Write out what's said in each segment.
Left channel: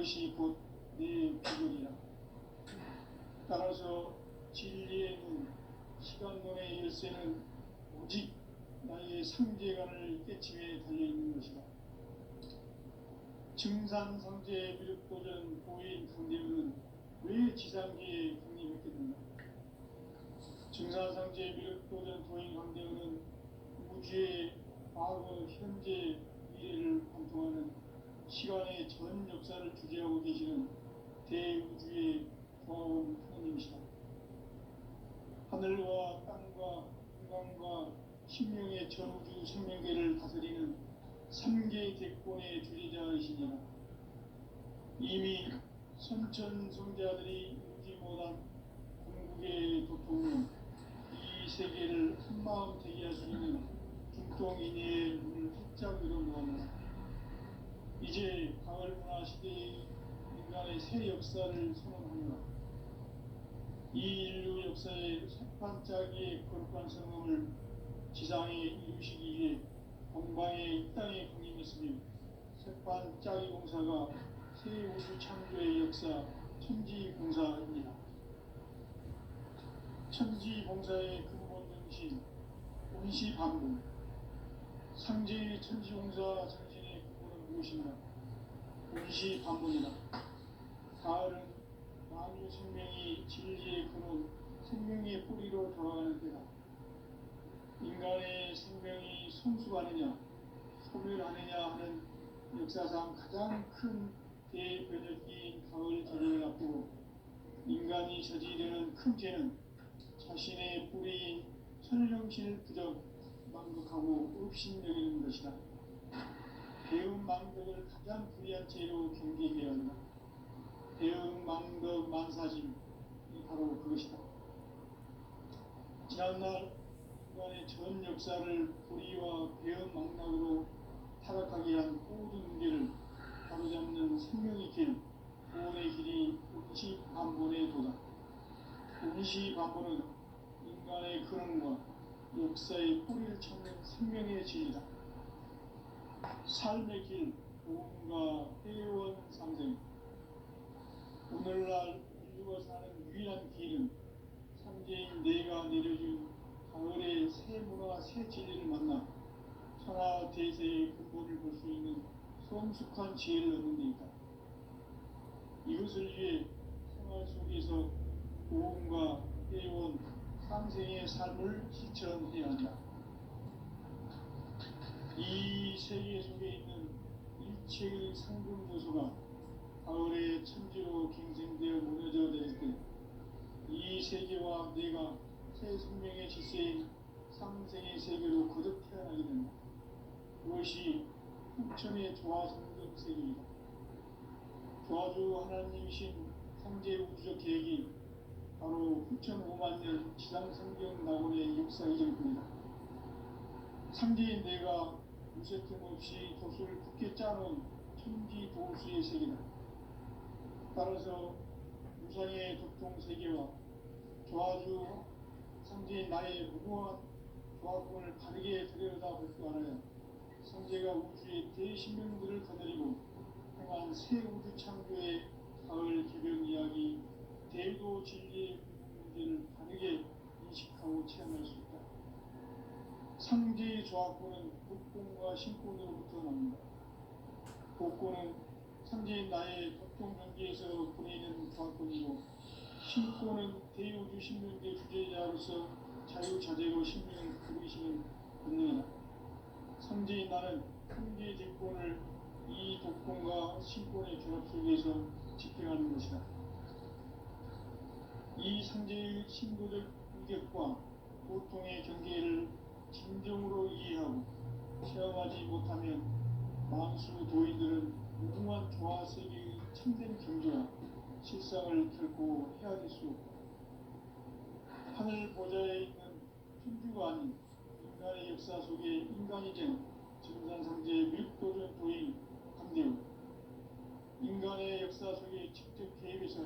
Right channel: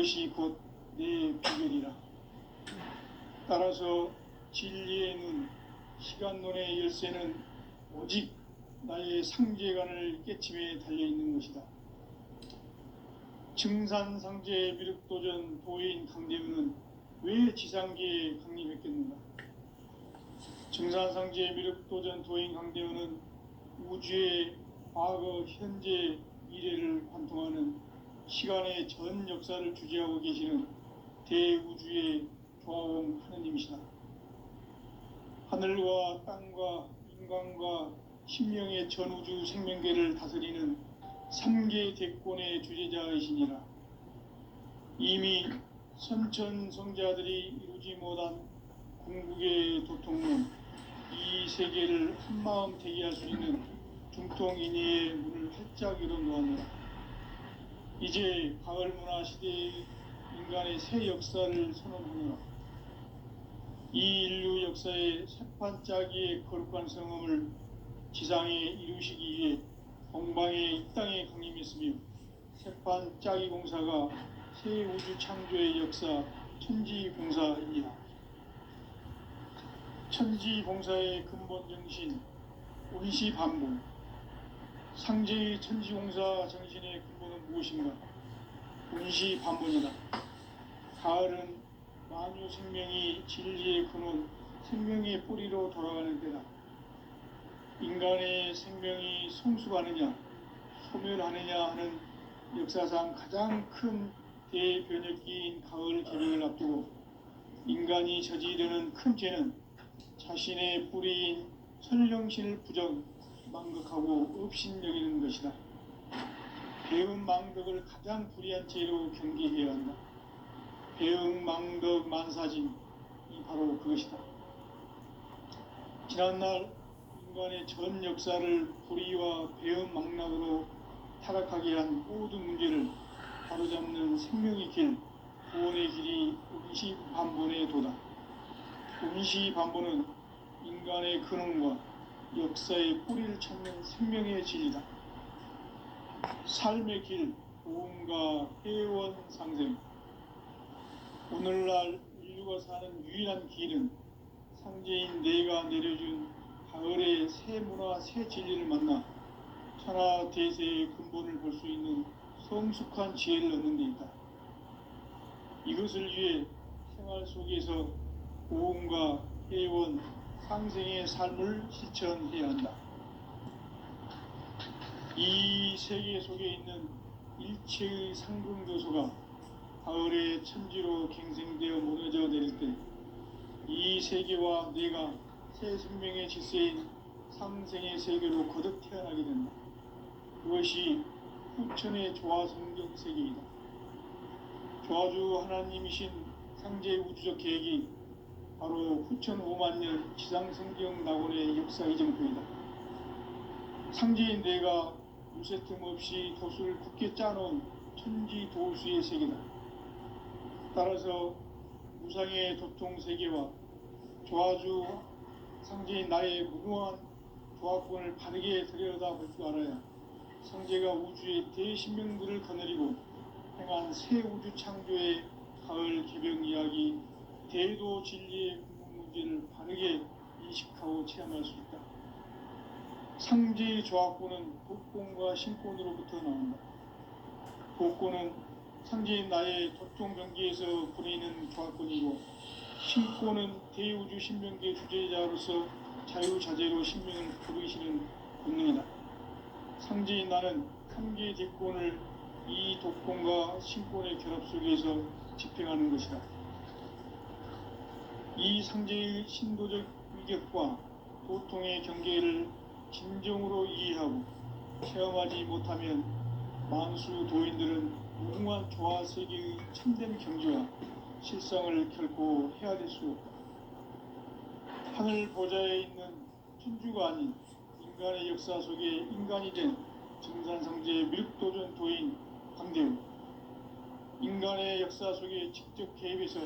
이것이 곧 내 비결이라. 따라서 진리의 눈, 시간론의 열쇠는 오직 나의 상제관을 깨침에 달려있는 것이다. 증산상제 미륵도전 도인 강대우는 왜 지상계에 강림했겠는가? 증산상제 미륵도전 도인 강대우는 우주의 과거, 현재, 미래를 관통하는 시간의 전 역사를 주재하고 계시는 대우주의 조화원 하느님이시다. 하늘과 땅과 인간과 신명의 전우주 생명계를 다스리는 3계 대권의 주재자이시니라. 이미 선천성자들이 이루지 못한 궁극의 도통론, 이 세계를 한마음 되게 할 수 있는 중통인의의 문을 활짝 열어놓았노라. 이제 가을문화 시대의 인간의 새 역사를 선언하노라. 이 인류 역사의 새판짜기의 거룩한 성음을 지상에 이루시기 위해 동방의 이 땅에 강림했으며, 새판짜기 공사가 새 우주 창조의 역사 천지봉사입니다. 천지봉사의 근본 정신, 운시반복. 상제의 천지봉사 정신의 근본은 무엇인가? 운시반복이다. 가을은 만유 생명이 진리의 근원, 생명의 뿌리로 돌아가는 때다. 인간의 생명이 성숙하느냐, 소멸하느냐 하는 역사상 가장 큰 대변혁기인 가을 개명을 앞두고 인간이 저지르는 큰 죄는 자신의 뿌리인 선령신을 부정, 망극하고 업신여기는 것이다. 배은 망덕을 가장 불의한 죄로 경계해야 한다. 배은 망덕 만사진이 바로 그것이다. 지난날 인간의 전 역사를 불의와 배은 망락으로 타락하게 한 모든 문제를 바로잡는 생명의 길, 구원의 길이 운시반본의 도다. 운시반본은 인간의 근원과 역사의 뿌리를 찾는 생명의 진리다. 삶의 길, 도움과 회원 상생. 오늘날 인류가 사는 유일한 길은 상제인 내가 내려준 가을의 새 문화, 새 진리를 만나 천하 대세의 근본을 볼 수 있는 성숙한 지혜를 얻는 데 있다. 이것을 위해 생활 속에서 도움과 회원, 상생의 삶을 실천해야 한다. 이 세계 속에 있는 일체의 상승조소가 가을의 천지로 갱생되어 무너져 내릴 때 이 세계와 내가 새 생명의 질서인 상생의 세계로 거듭 태어나게 된다. 그것이 후천의 조화성경 세계이다. 조화주 하나님이신 상제 우주적 계획이 바로 후천 5만년 지상성경 낙원의 역사 이정표이다. 상제인 내가 무쇠 틈 없이 도수를 굳게 짜놓은 천지도수의 세계다. 따라서 무상의 도통세계와 조화주 상제인 나의 무궁한 조화권을 바르게 들여다볼 줄 알아야 상제가 우주의 대신명들을 거느리고 행한 새 우주 창조의 가을 개병 이야기, 대도 진리의 문제를 바르게 인식하고 체험할 수 있다. 상제의 조화권은 복권과 신권으로부터 나온다. 복권은 상제인 나의 도통경계에서 부리는 조화권이고, 신권은 대우주 신명계 주제자로서 자유자재로 신명을 부르시는 권능이다. 상제인 나는 3계 대권을 이 도권과 신권의 결합 속에서 집행하는 것이다. 이 상제의 신도적 위격과 도통의 경계를 진정으로 이해하고 체험하지 못하면 만수 도인들은 무궁한 조화 세계의 참된 경지와 실상을 결코 헤아릴 수 없다. 하늘 보좌에 있는 천주가 아닌 인간의 역사 속에 인간이 된 증산상제 미륵도전 도인 강대우. 인간의 역사 속에 직접 개입해서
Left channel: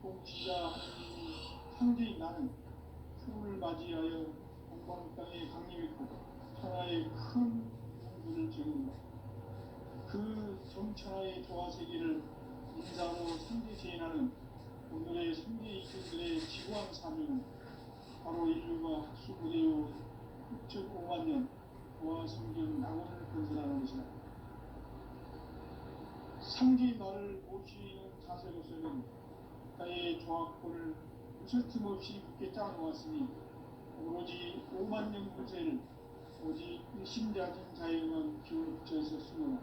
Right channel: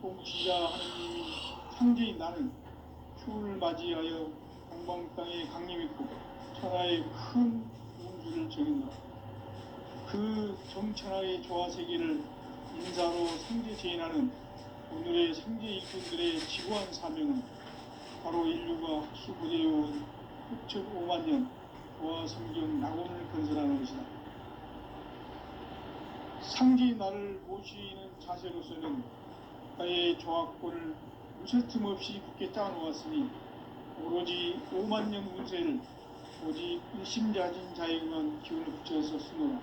통치자 하느님인 상제인 나는 휴를 맞이하여 동방 땅에 강림했고 천하의 큰 우주를 정했노라. 그 정천하의 조화 세계를 인사로 상제 제인하는 오늘의 상제 일꾼들의 지구한 사명은 바로 인류가 수고되어온 6,5만 년 부와 성경 낙원을 건설하는 것이다. 상제의 나를 모시는 자세로서는 나의 조합권을 무쇠틈 없이 굳게 짜놓았으니 오로지 5만 년 운세를 오직 일심자진 자에게만 기운을 붙여서 쓰노라.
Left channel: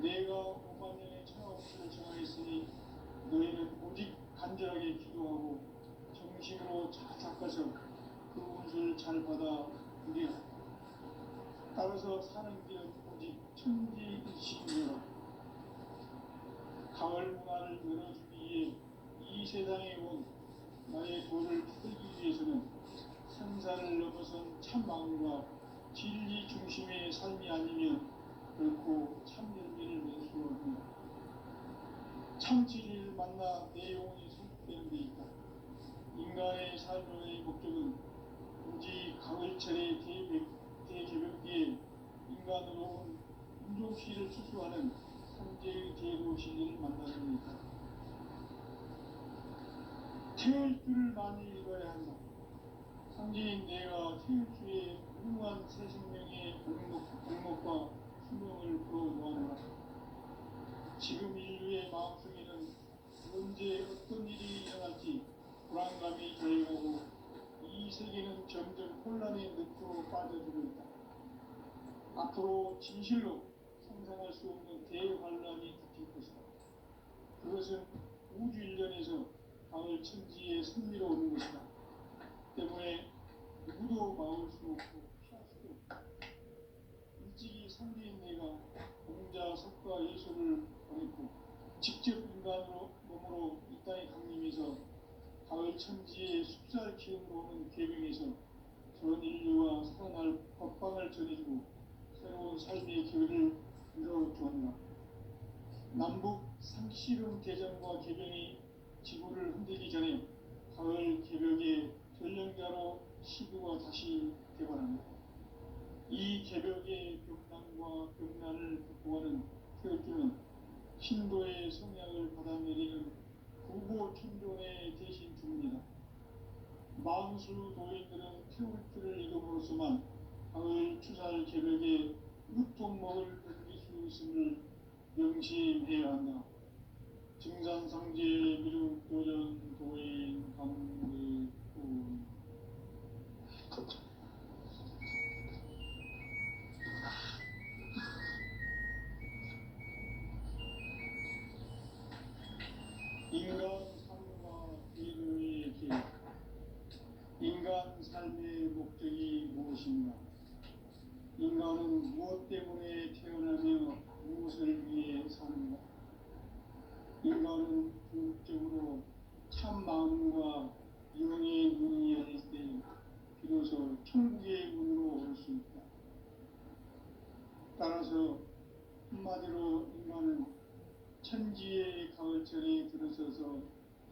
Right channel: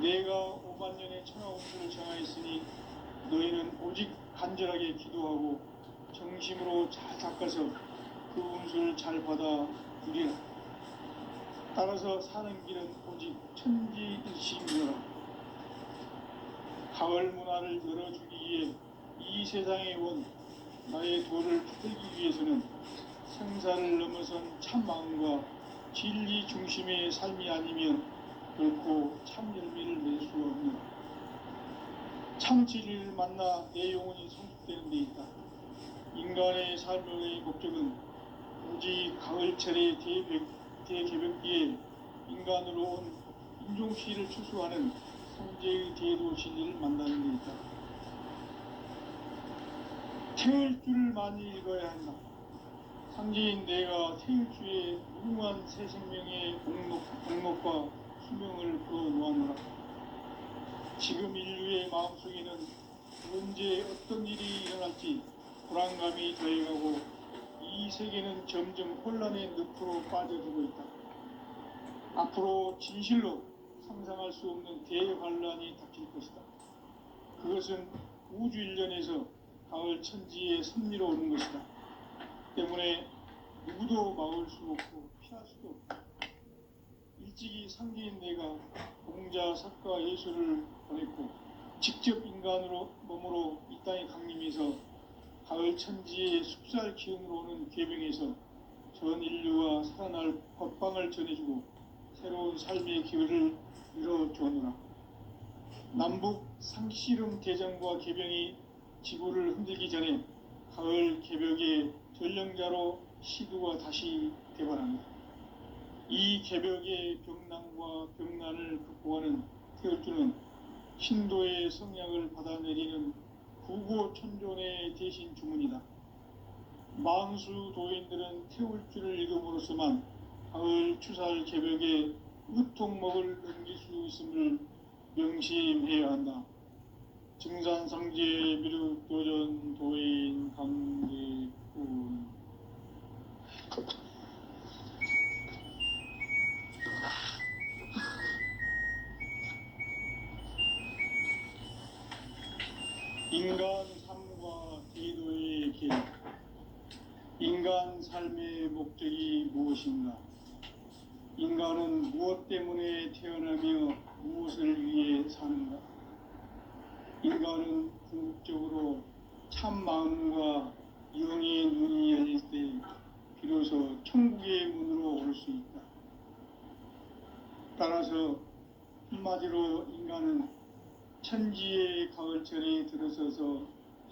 내가 5만 년의 천하 운수를 정하였으니 너희는 오직 간절하게 기도하고 정심으로 잘 닦아서 그 운수를 잘 받아 누리라. 따라서 사는 길은 오직 천지일심이라. 가을 문화를 열어주기 위해 이 세상에 온 나의 도를 받들기 위해서는 생사를 넘어선 참 마음과 진리 중심의 삶이 아니면 결코 참 열매를 낼 수 없는 참 진리를 만나 내 영혼이 성숙되는 데 있다. 인간의 삶의 목적은 오직 가을철의 대개벽기에 인간으로 온 인종시를 추수하는 성제의 대도 진리를 만나는 데 있다. 태울 줄을 많이 읽어야 한다. 상제인 내가 태울 주의 무궁한 새 생명의 공목과 수명을 풀어놓아노라. 지금 인류의 마음속에는 언제 어떤 일이 일어날지 불안감이 더해가고 이 세계는 점점 혼란의 늪으로 빠져들고 있다. 앞으로 진실로 상상할 수 없는 대환란이 닥칠 것이다. 그것은 우주 일련에서 가을 천지의 섭리로 오는 것이다. 때문에 누구도 막을 수 없고 피할 수도 없다. 일찍이 상제인 내가 공자, 석가, 예수를 보냈고 직접 인간으로 몸으로 이 땅에 강림해서 가을 천지의 숙살 기운으로 오는 계명에서 전 인류가 살아날 법방을 전해주고 새로운 삶의 기회를 열어주었노라. 남북 상씨름 대전과 개병이 지구를 흔들기 전에 가을 개벽의 전령자로 시두가 다시 대발한다. 이 개벽의 병난과 병난을 극복하는 태울주는 신도의 성향을 받아내리는 구고천존의 대신 주문이다. 망수 도인들은 태울주를 읽음으로써만 가을 추살 개벽의 으통목을 넘길 수 있음을 명심해야 한다. 증산상제 미륵도전 도인 강대군. 인간 삶과 기도의 길. 인간 삶의 목적이 무엇인가? 인간은 무엇 때문에 태어나며 무엇을 위해 사는가? 인간은 궁극적으로 참 마음과 영의 눈이 열릴 때 비로소 천국의 문으로 올 수 있다. 따라서 한마디로 인간은 천지의 가을철에 들어서서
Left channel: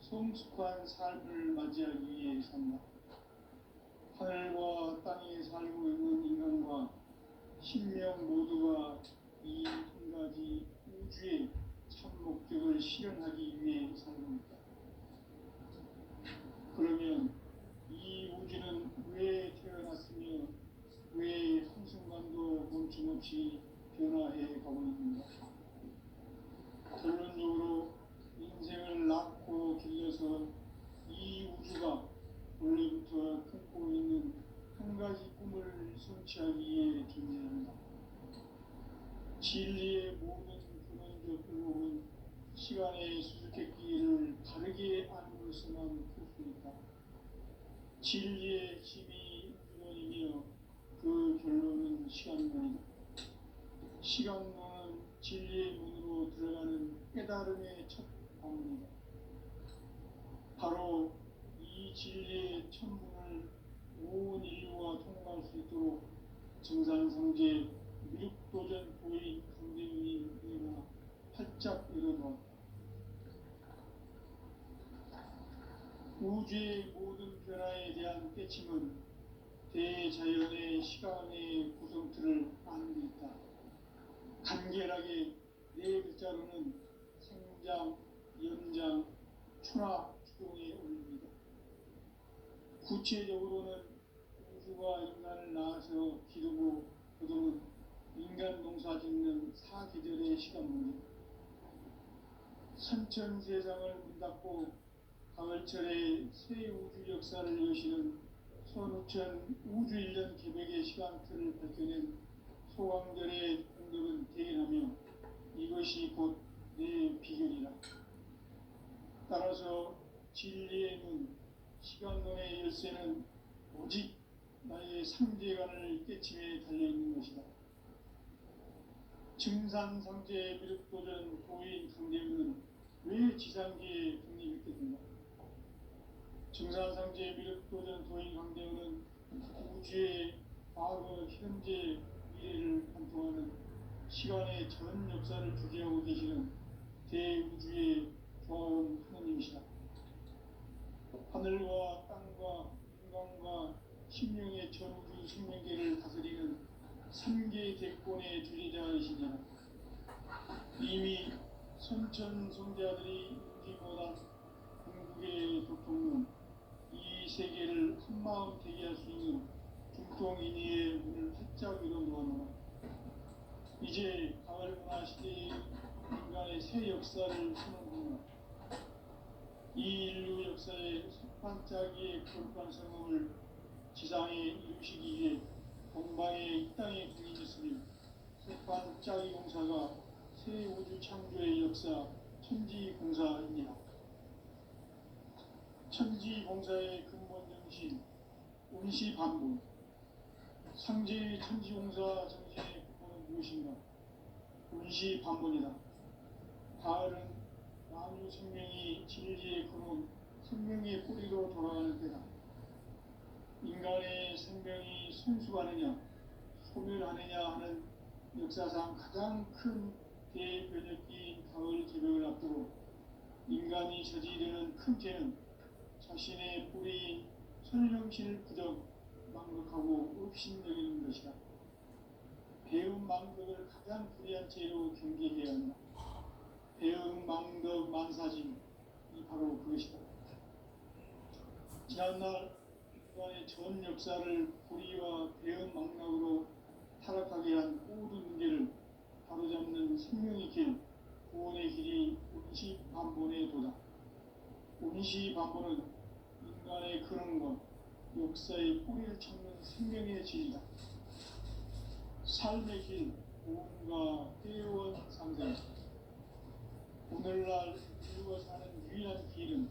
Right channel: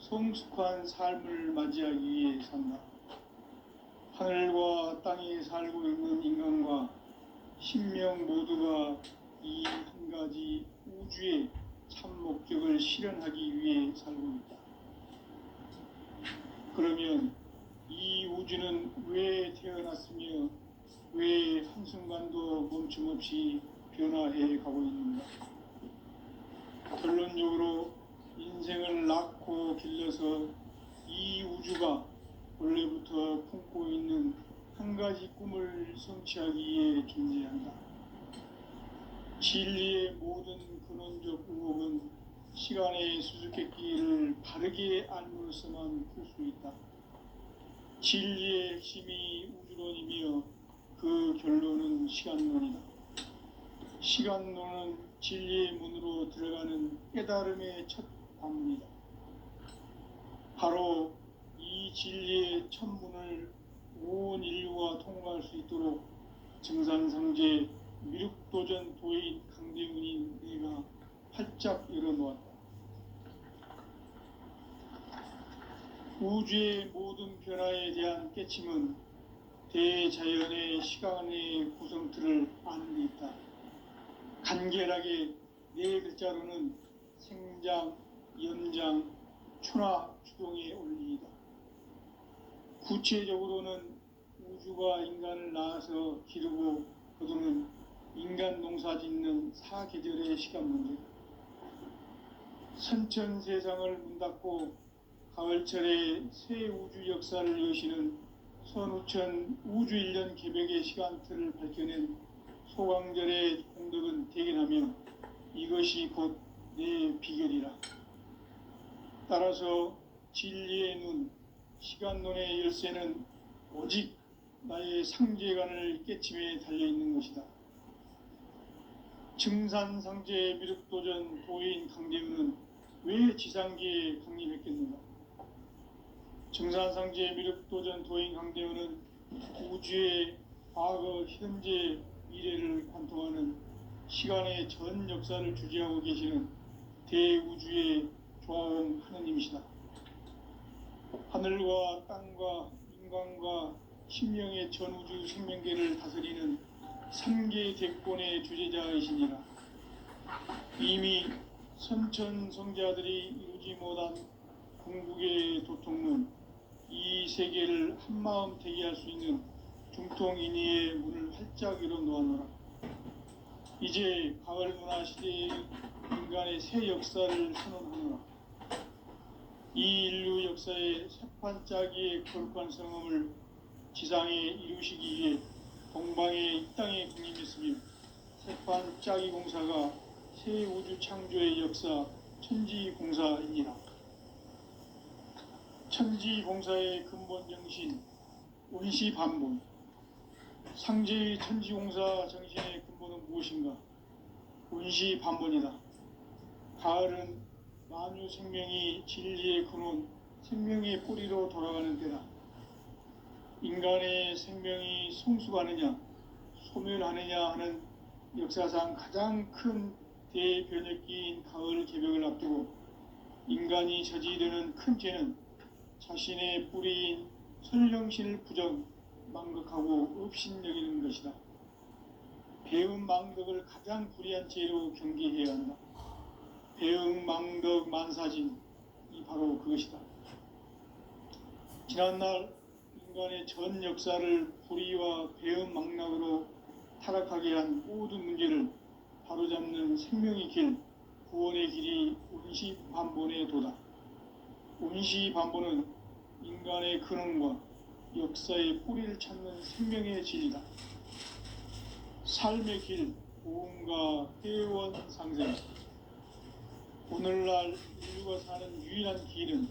성숙한 삶을 맞이하기 위해 산다. 하늘과 땅에 살고 있는 인간과 신명 모두가 이 한 가지 우주의 참 목적을 실현하기 위해 살고 있다. 그러면 이 우주는 왜 태어났으며 왜 한순간도 멈춤없이 변화해 가고 있는가? 결론적으로 인생을 낳고 길러서 이 우주가 원래부터 품고 있는 한 가지 꿈을 성취하기 위해 존재한다. 진리의 모든 근원적 의혹은 시간의 수수께끼를 바르게 알므로서만 풀 수 있다. 진리의 핵심이 우주론이며 그 결론은 시간론이다. 시간론은 진리의 문으로 들어가는 깨달음의 첫 방문이다. 바로 이 진리의 첫 문을 온 인류가 통과할 수 있도록 증산상제 미륵도전 도인 강대군인 내가 활짝 열어놓았다. 우주의 모든 변화에 대한 깨침은 대자연의 시간의 구성틀을 아는 데 있다. 간결하게 네 글자로는 생장, 연장, 추나 추동에 올리이다. 구체적으로는 우주가 인간을 낳아서 기르고 거두는 인간 농사 짓는 사계절의 시간 문제, 선천 세상을 문 닫고 가을철에 새 우주 역사를 여시는 선우천 우주 1년 개벽의 시간틀을 밝혀낸 소강절의 공덕은 대견하며 이것이 곧 내 비결이라. 따라서 진리의 눈, 시간론의 열쇠는 오직 나의 상제관을 깨침에 달려있는 것이다. 증산상제 미륵도전 도인 강대우는 왜 지상기에 강림했겠는가? 증산상제 미륵도전 도인 강대우는 우주의 과거, 현재, 미래를 관통하는 시간의 전 역사를 주재하고 계시는 대우주의 조화음 하느님이시다. 하늘과 땅과 인간과 신명의 전우주 생명계를 다스리는 3개 대권의 주제자이시니라. 이미 선천성자들이 이루지 못한 궁극의 도통론, 이 세계를 한마음 되게 할 수 있는 중통인의의 문을 활짝 열어 놓아노라. 이제 가을 문화 시대의 인간의 새 역사를 선언하노라. 이 인류 역사의 새판짜기의 거룩한 성험을 지상에 이루시기 위해 동방의 이 땅에 군림했으며 새판짜기 공사가 새 우주 창조의 역사 천지공사이니라. 천지공사의 근본 정신 운시반본, 상제의 천지공사 정신의 근본은 무엇인가? 운시반본이다. 가을은 만유 생명이 진리의 근원, 생명의 뿌리로 돌아가는 때다. 인간의 생명이 성숙하느냐, 소멸하느냐 하는 역사상 가장 큰 대변혁기인 가을 개벽을 앞두고 인간이 저지르는 큰 죄는 자신의 뿌리인 설령신을 부정, 망극하고 업신여기는 것이다. 배음 망덕을 가장 불의한 죄로 경계해야 한다. 배음 망덕 만사진이 바로 그것이다. 지난날 인간의 전 역사를 불의와 배음 망락으로 타락하게 한 모든 문제를 바로잡는 생명의 길, 구원의 길이 운시반본의 도다. 운시반본은 인간의 근원과 역사의 뿌리를 찾는 생명의 진리다. 삶의 길, 고음과 회원 상생. 오늘날 인류가 사는 유일한 길은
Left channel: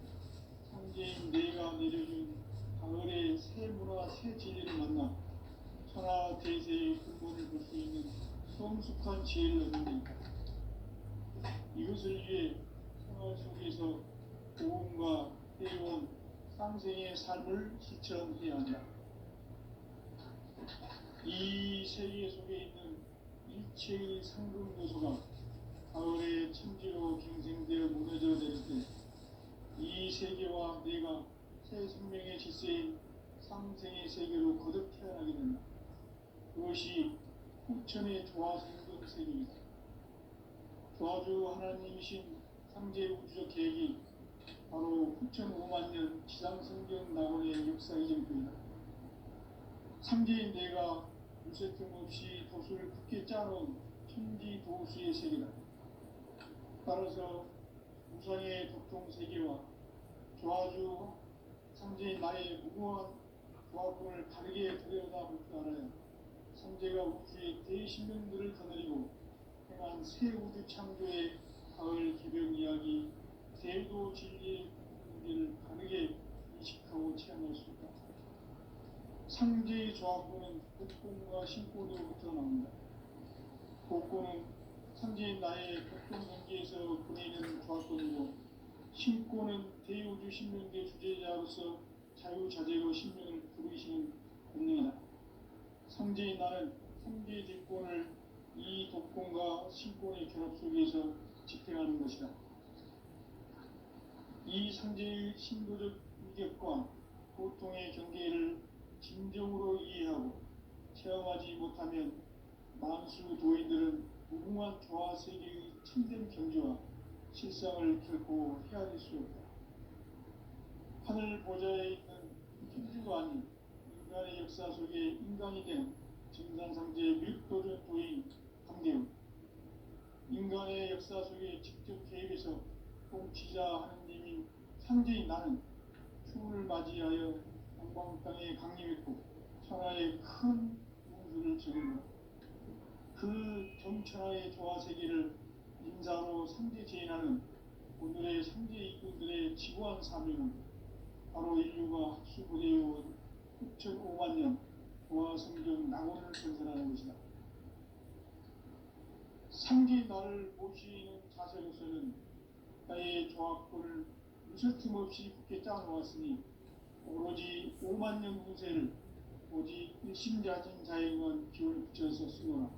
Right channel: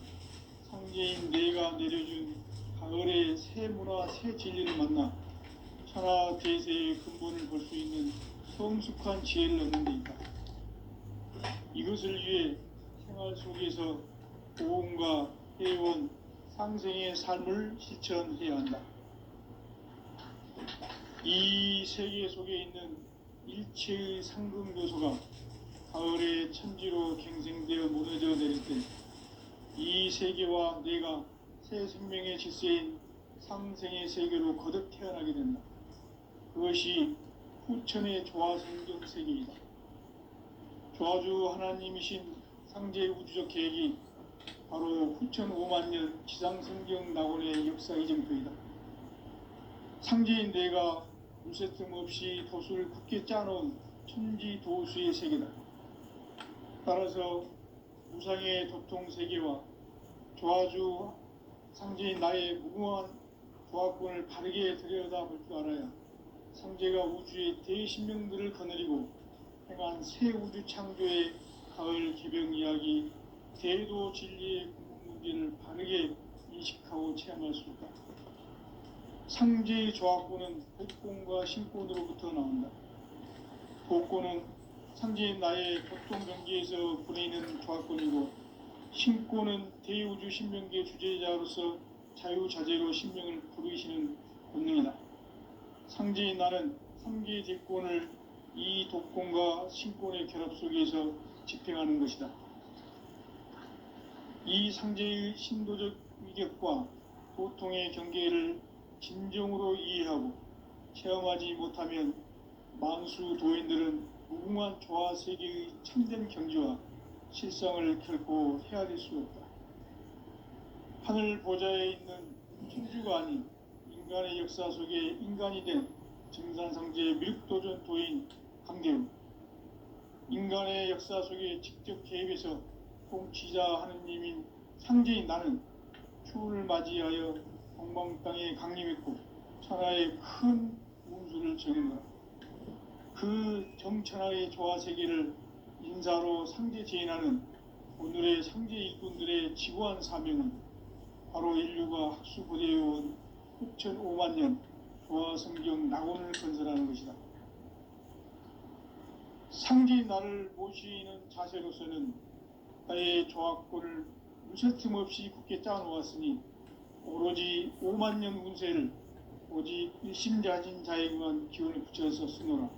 상제인 내가 내려준 가을의 새 문화, 새 진리를 만나 천하 대세의 근본을 볼 수 있는 성숙한 지혜를 얻는 데 있다. 이것을 위해 생활 속에서 고음과 회원, 상생의 삶을 실천해야 한다. 이 세계 속에 있는 일체의 상급 요소가 가을의 천지로 갱생되어 무너져 내릴 때 이 세계와 내가 새 생명의 질서인 상생의 세계로 거듭 태어나게 된다. 그것이 후천의 조화성경 세계이다. 조화주 하나님이신 상제 우주적 계획이 바로 후천 5만년 지상성경 낙원의 역사 이정표이다. 상제인 내가 물새틈 없이 도수를 굳게 짜놓은 천지도수의 세계다. 따라서 무상의 도통세계와 조화주 상제인 나의 무궁한 조화권을 바르게 들여다볼 줄 알아야 상제가 우주의 대신명들을 거느리고 행한 새 우주 창조의 가을 개벽 이야기, 대도 진리의 문제를 바르게 인식하고 체험할 수 있다. 상제의 조화권은 복권과 신권으로부터 나온다. 복권은 상제인 나의 교통경계에서 보내는 조화권이고, 신권은 대우주 신명계 주제자로서 자유자재로 신명을 부르시는 본능이다. 상제인 나는 3개 대권을 이 독권과 신권의 결합 속에서 집행하는 것이다. 이 상제의 신도적 위격과 도통의 경계를 진정으로 이해하고 체험하지 못하면 만수 도인들은 무궁한 조화 세계의 참된 경지와 실상을 결코 헤아릴 수 없다. 하늘 보좌에 있는 천주가 아닌 인간의 역사 속에 인간이 된 증산성제 미륵도전 도인 강대우, 인간의 역사 속에 직접 개입해서 통치자 하느님인 상제인 나는 추운을 맞이하여 동방 땅에 강림했고 천하의 큰 운수를 정했노라. 그 정천하의 조화 세계를 인사로 상제 제인하는 오늘의 상제 일꾼들의 지구한 사명은 바로 인류가 학수고대해온 6,500만 년 조화 성경 낙원을 건설하는 것이다. 상제인 나를 모시는 자세로서는 나의 조화권을 무쇠틈 없이 굳게 짜놓았으니 오로지 5만 년 운세를 오직 일심자진 자에게만 기운을 붙여서 쓰노라.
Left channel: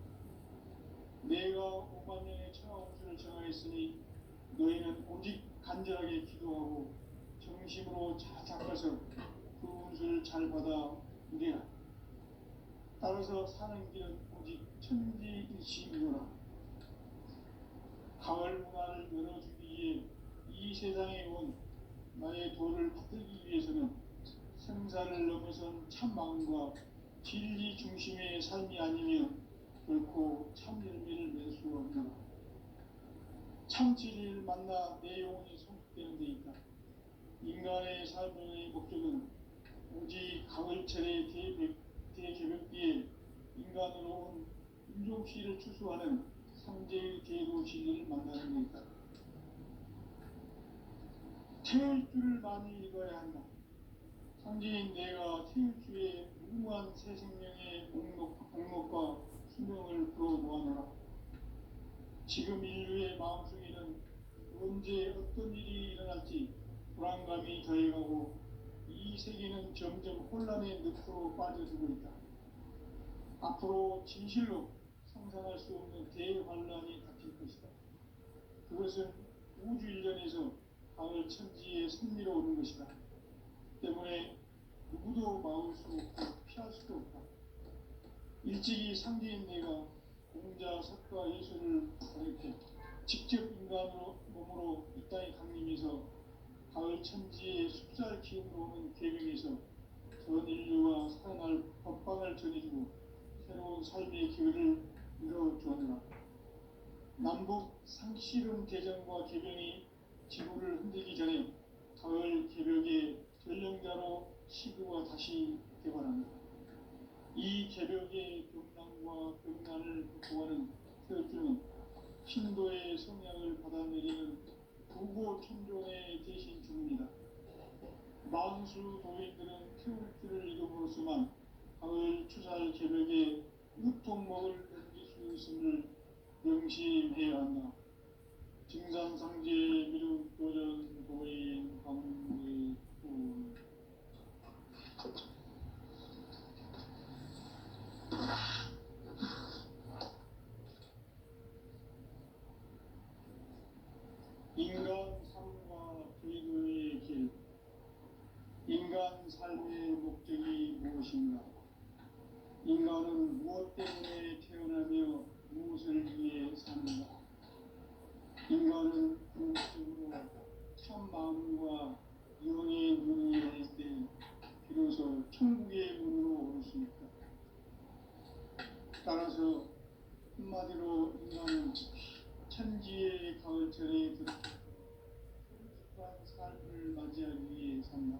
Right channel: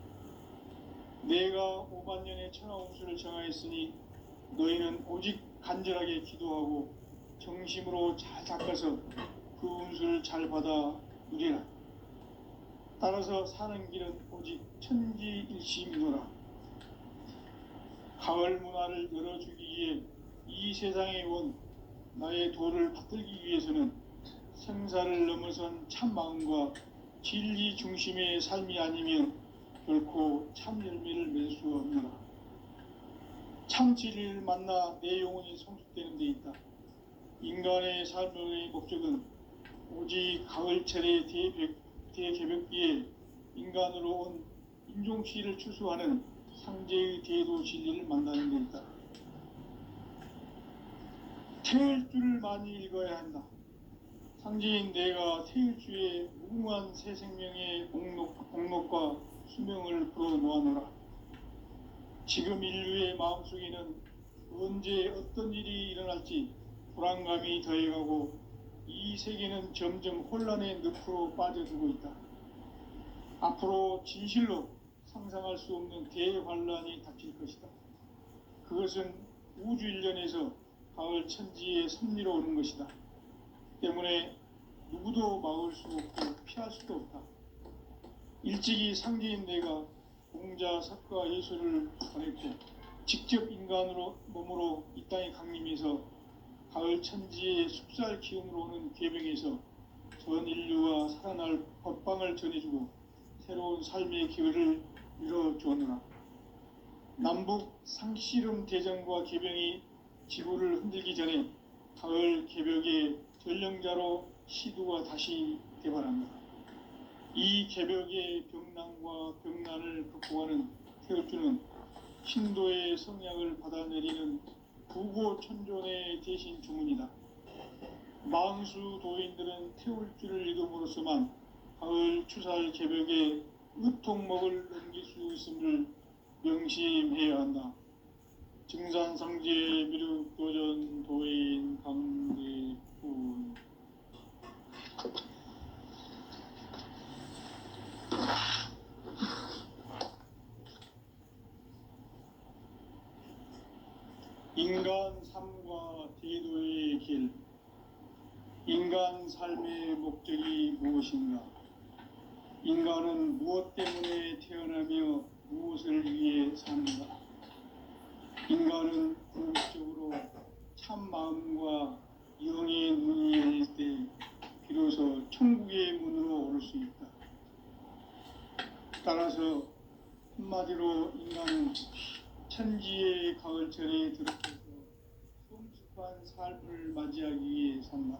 내가 5만 년의 천하 운수를 정하였으니 너희는 오직 간절하게 기도하고 정심으로 잘 닦아서 그 운수를 잘 받아 누리라. 따라서 사는 길은 오직 천지일심이노라. 가을 문화를 열어주기 위해 이 세상에 온 나의 도를 받들기 위해서는 생사를 넘어선 참 마음과 진리 중심의 삶이 아니면 결코 참 열매를 맺을 수 없노라. 참 진리를 만나 내 영혼이 성숙되는 데 있다. 인간의 삶의 목적은 오직 가을철의 대개벽기에 인간으로 온 인종치를 추수하는 상제의 대도 진리를 만나는 데 있다. 태을 줄을 많이 읽어야 한다. 상제인 내가 태일주의 무궁한 새 생명의 공록과 수명을 풀어 놓아노라. 지금 인류의 마음속에는 언제 어떤 일이 일어날지 불안감이 더해가고 이 세계는 점점 혼란의 늪으로 빠져들고 있다. 앞으로 진실로 상상할 수 없는 대환란이 닥칠 것이다. 그것은 우주 일련에서 가을 천지의 섭리로 오는 것이다. 때문에 누구도 막을 수 없고 피할 수도 없다. 일찍이 상제인 내가 공자, 석가, 예수를 보냈고 직접 인간으로 몸으로 이 땅에 강림해서 가을 천지의 숲살 기운으로 오는 계명에서 전 인류와 살아날 법방을 전해주고 새로운 삶의 기회를 이뤄주었노라. 남북 상씨름 대전과 개병이 지구를 흔들기 전에 가을 개벽의 전령자로 시두가 다시 대발합니다. 이 개벽의 병난과 병난을 극복하는 태울주는 신도의 성량을 받아내리는 구고천존의 대신 주문이다. 만수 도인들은 태울주를 읽음으로써만 가을 추살 개벽의 으통목을 넘길 수 있음을 명심해야 한다. 증산성제 미륵도전 도인 강대훈. 인간 삶과 대도의 길. 인간 삶의 목적이 무엇인가? 인간은 무엇 때문에 태어나며 무엇을 위해 사는가? 인간은 궁극적으로 참 마음과 영의 문이 열릴 때 비로소 천국의 문으로 오를 수 있다. 따라서 한마디로 인간은 천지의 가을철에 들어서서 성숙한 삶을 맞이하기 위해 산다.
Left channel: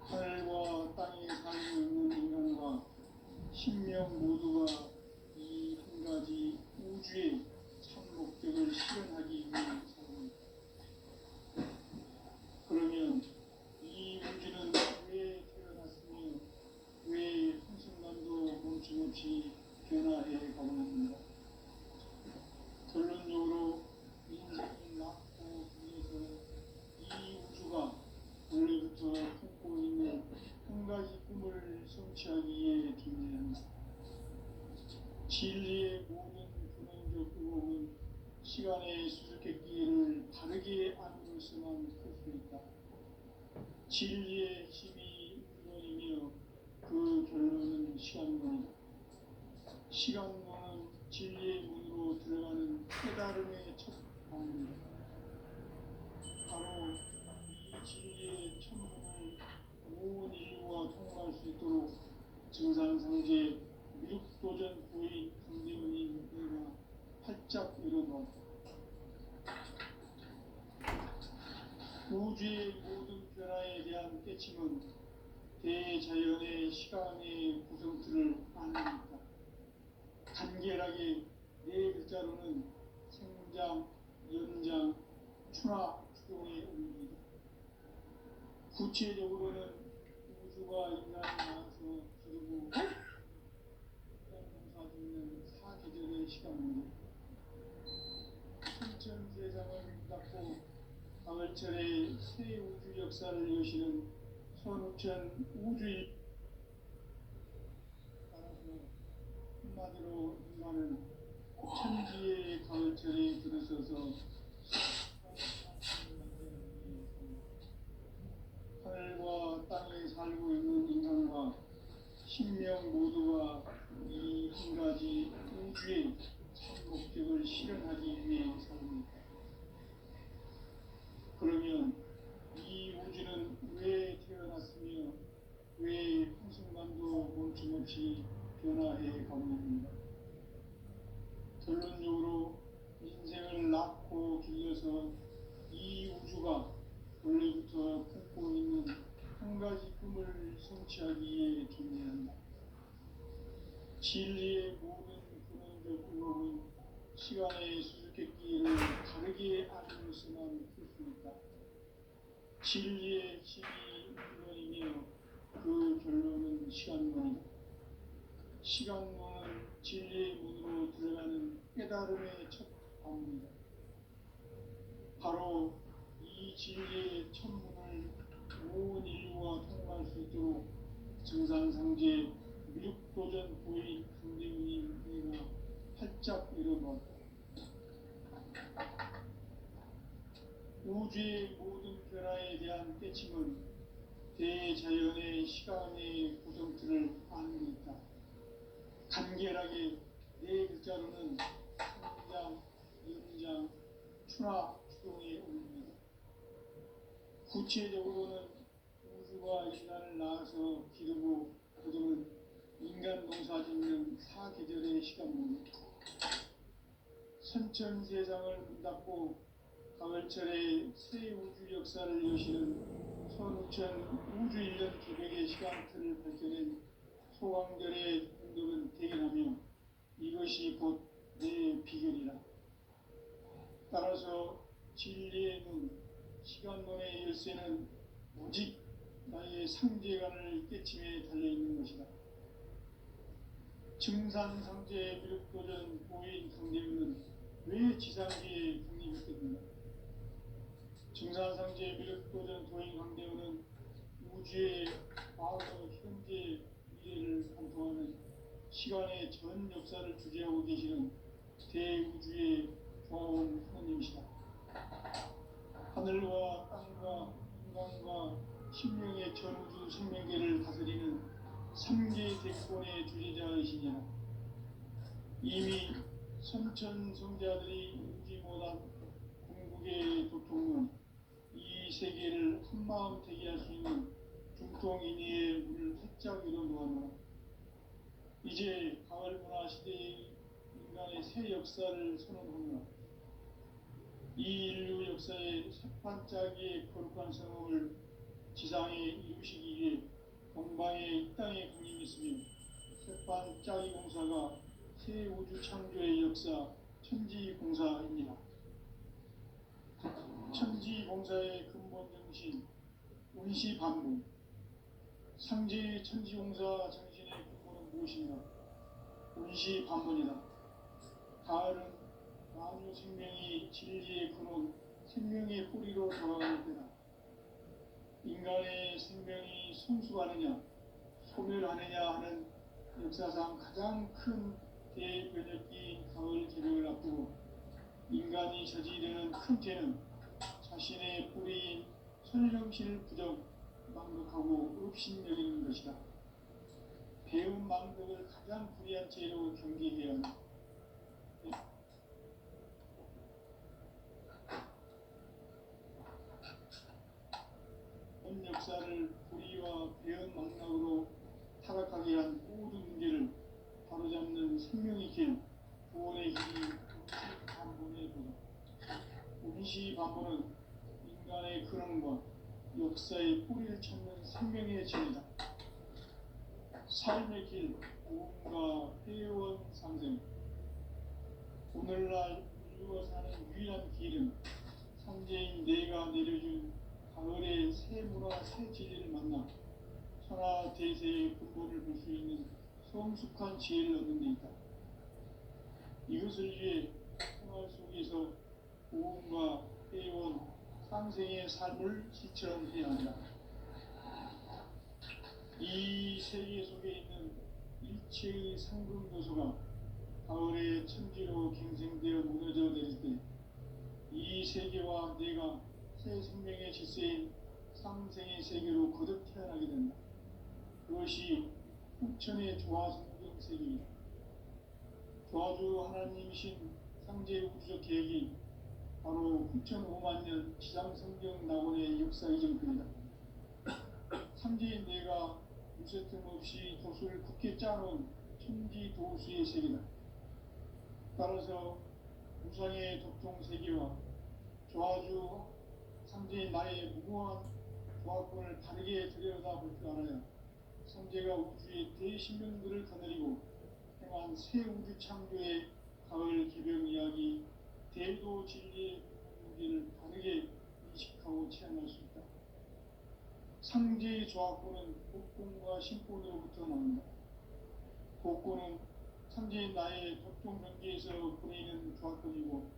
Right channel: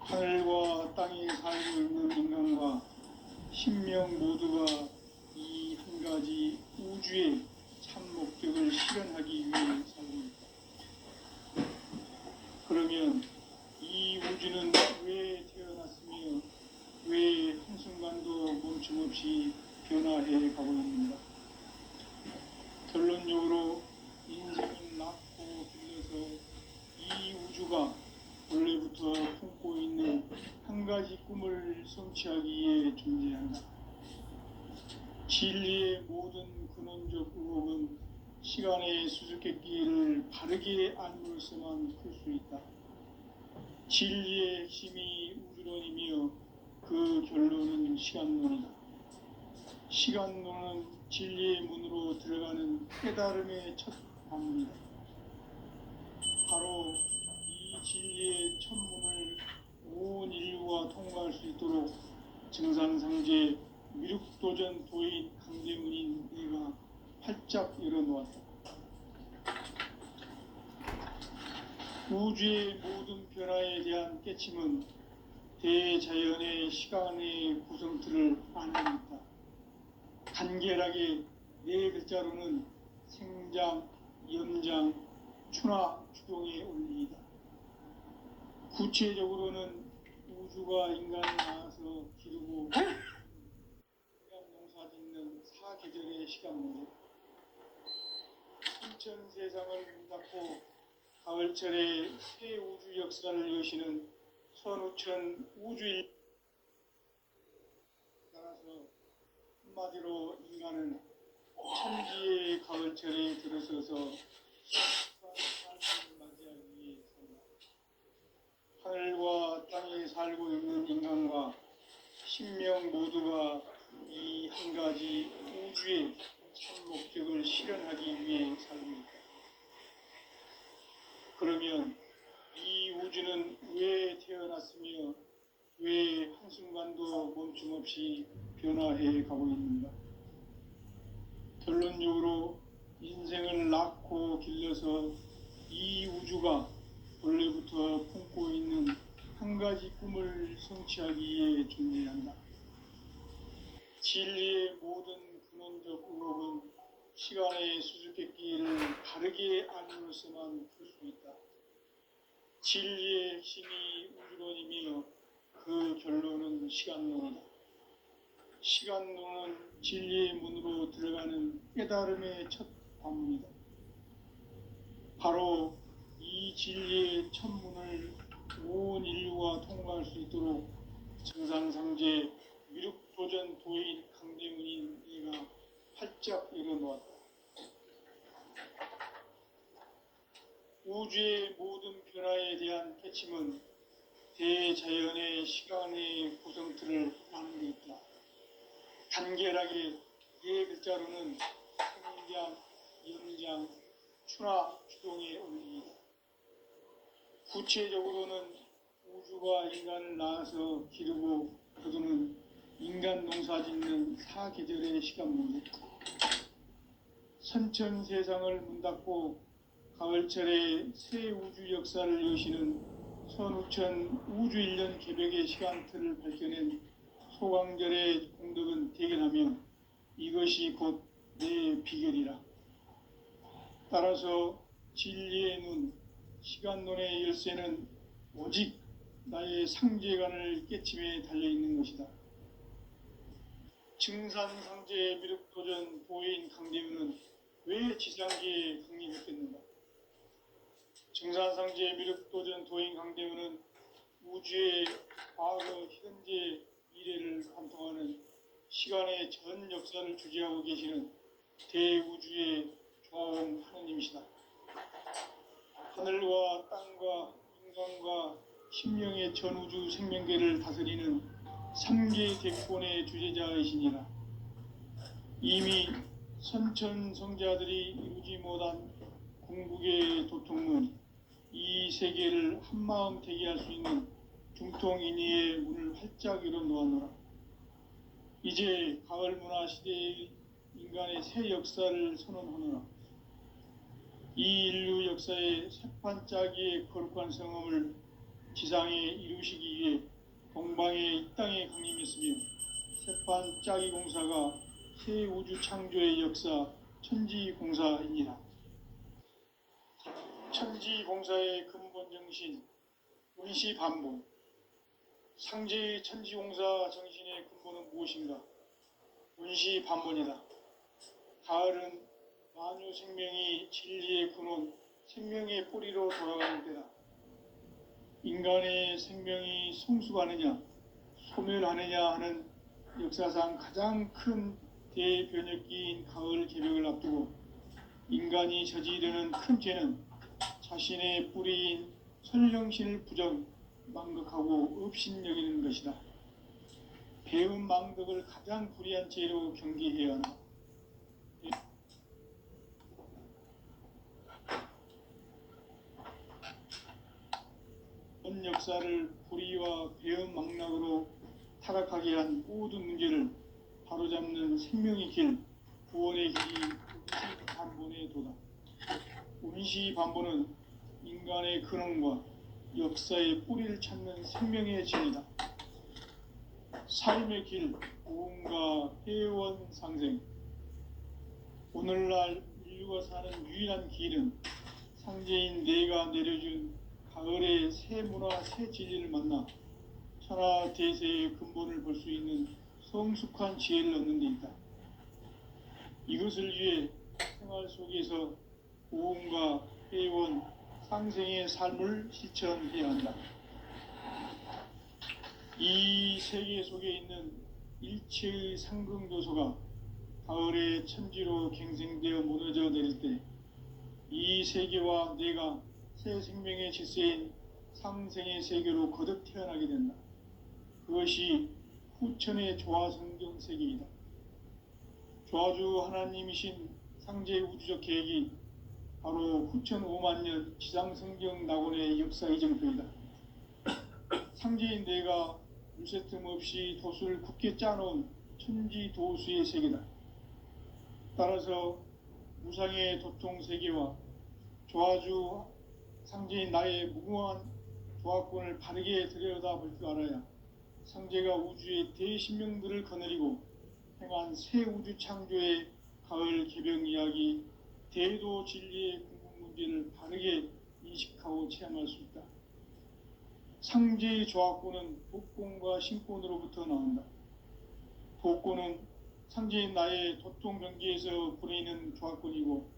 하늘과 땅에 살고 있는 인간과 신명 모두가 이 한 가지 우주의 참 목적을 실현하기 위해 살고 있다. 그러면 이 우주는 왜 태어났으며 왜 한순간도 멈춤없이 변화해 가고 있는가? 결론적으로 인생이 낳고 빌려서 이 우주가 원래부터 품고 있는 한 가지 꿈을 성취하기 위해 존재한다. 진리의 모든 근원적 의혹은 시간의 수수께끼를 바르게 알므로서만 풀 수 있다. 진리의 핵심이 우주론이며 그 결론은 시간론이다. 시간론은 진리의 문으로 들어가는 깨달음의 첫 방문이다. 증산상제 미륵도전 도인 강대문인 네가 활짝 열어놓았다. 우주의 모든 변화에 대한 깨침은 대자연의 시간의 구성틀을 안내했다. 간결하게 네 글자로는 생장, 연장, 추나 추동의 원리이다. 구체적으로는 우주가 인간을 낳아서 기르고 농사 짓는 사계절의 시간문제, 순천 세상을 닫고 가을철에 새 우주 역사를 여시는 선우천 우주일. 따라서 한마디로 인간은 천지의 가을철에 들어서서 맞이하기 위해서 하늘과 땅에 살고 있는 인간과 신명 모두가 이 한 가지 우주의 참 목적을 실현하기 위해 삽니다. 그러면 이 우주는 왜 태어났으며 왜 한순간도 멈춤없이 변화해 가고 있는가? 결론적으로 인생을 낳고 길러서 이 우주가 원래부터 품고 있는 한 가지 꿈을 성취하기 위해 존재한다. 진리의 모든 근원적 의혹은 시간의 수수께끼를 바르게 알므로서만 풀 수 있다. 진리의 핵심이 우주론이며 그 결론은 시간론이다. 시간론은 진리의 문으로 들어가는 깨달음의 첫 관문이다. 바로 이 진리의 첫 문을 온 인류가 통과할 수 있도록 증산상제 미륵도전 도인 강대문인 네가 활짝 열어놓았다. 우주의 모든 변화에 대한 깨침은 대자연의 시간의 구성틀을 아는 데 있다. 간결하게 네 글자로는 생장, 연장, 추나 추동의 원리이다. 구체적으로는 우주가 인간을 낳아서 기르고 거두는 인간 농사 짓는 사계절의 시간문제, 선천 세상을 문 닫고 가을철에 새 우주 역사를 여시는 선우천 우주 1년 개벽의 시간틀을 밝혀낸 소강절의 공덕은 대견하며 이것이 곧 내 비결이라. 따라서 진리의 눈, 시간론의 열쇠는 오직 나의 상제관을 깨침에 달려있는 것이다. 증산상제 미륵도전 도인 강대문은 왜 지상계에 강림했겠는가? 증산상제 미륵도전 도인 강대문은 우주의 과거, 현재, 미래를 관통하는 시간의 전 역사를 주재하고 계시는 대우주의 중화원 하느님이시다. 하늘과 땅과 인간과 신명의 전우주 생명계를 다스리는 삼계 대권의 주제자이시니라. 이미 선천 성자들이 이루지 못한 궁극의 도통문, 이 세계를 한마음 되게 할 수 있는 중통인의의 문을 활짝 열어놓았노라. 이제 가을 문화 시대의 인간의 새 역사를 선언하노라. 이 인류 역사의 새판짜기의 거룩한 성험을 지상에 이루시기 위해 동방의 이 땅에 강림했으며 새판짜기 공사가 새 우주 창조의 역사 천지공사입니다. 천지공사의 근본 정신, 운시반복. 상제의 천지공사 정신의 근본은 무엇인가? 운시반복이다. 가을은 만유 생명이 진리의 근원, 생명의 뿌리로 돌아가는 때다. 인간의 생명이 성숙하느냐, 소멸하느냐 하는 역사상 가장 큰 대변혁기인 가을 개벽을 앞두고 인간이 저지르는 큰 죄는 자신의 뿌리인 선령신을 부정, 망극하고 업신여기는 것이다. 배운 망극을 가장 불의한 죄로 경계해야 한다. 전 역사를 불의와 배은 망락으로 타락하게 한 모든 문제를 바로잡는 생명의 길, 구원의 길이 운시반본의 도다. 운시반본은 인간의 근원과 역사의 뿌리를 찾는 생명의 진리다. 삶의 길, 고음과 회원 상생. 오늘날 인류가 사는 유일한 길은 상제인 내가 내려준 가을의 새 문화, 새 진리를 만나 천하 대세의 근본을 볼 수 있는 성숙한 지혜를 얻는 데 있다. 이것을 위해 생활 속에서 고음과 회원, 상생의 삶을 실천해야 한다. 이 세계 속에 있는 일체의 상승 요소가 가을의 천지로 갱생되어 무너져 내릴 때 이 세계와 내가 새 생명의 질서인 상생의 세계로 거듭 태어나게 된다. 그것이 후천의 조화성경 세계이다. 조화주 하나님이신 상제 우주적 계획이 바로 후천 5만 년 지상성경 낙원의 역사 이정표이다. 상제인 내가 유세틈 없이 도수를 굳게 짜놓은 천지 도수의 세계다. 따라서 무상의 도통 세계와 조화주 상제인 나의 무궁한 조화권을 바르게 들여다볼 줄 알아야 상제가 우주의 대신명들을 거느리고 행한 새 우주 창조의 가을 개병 이야기, 대도 진리의 궁극 문제를 바르게 인식하고 체험할 수 있다. 상제의 조화권은 복권과 신권으로부터 나온다. 복권은 상제인 나의 도통 경계에서 보내는 조화권이고,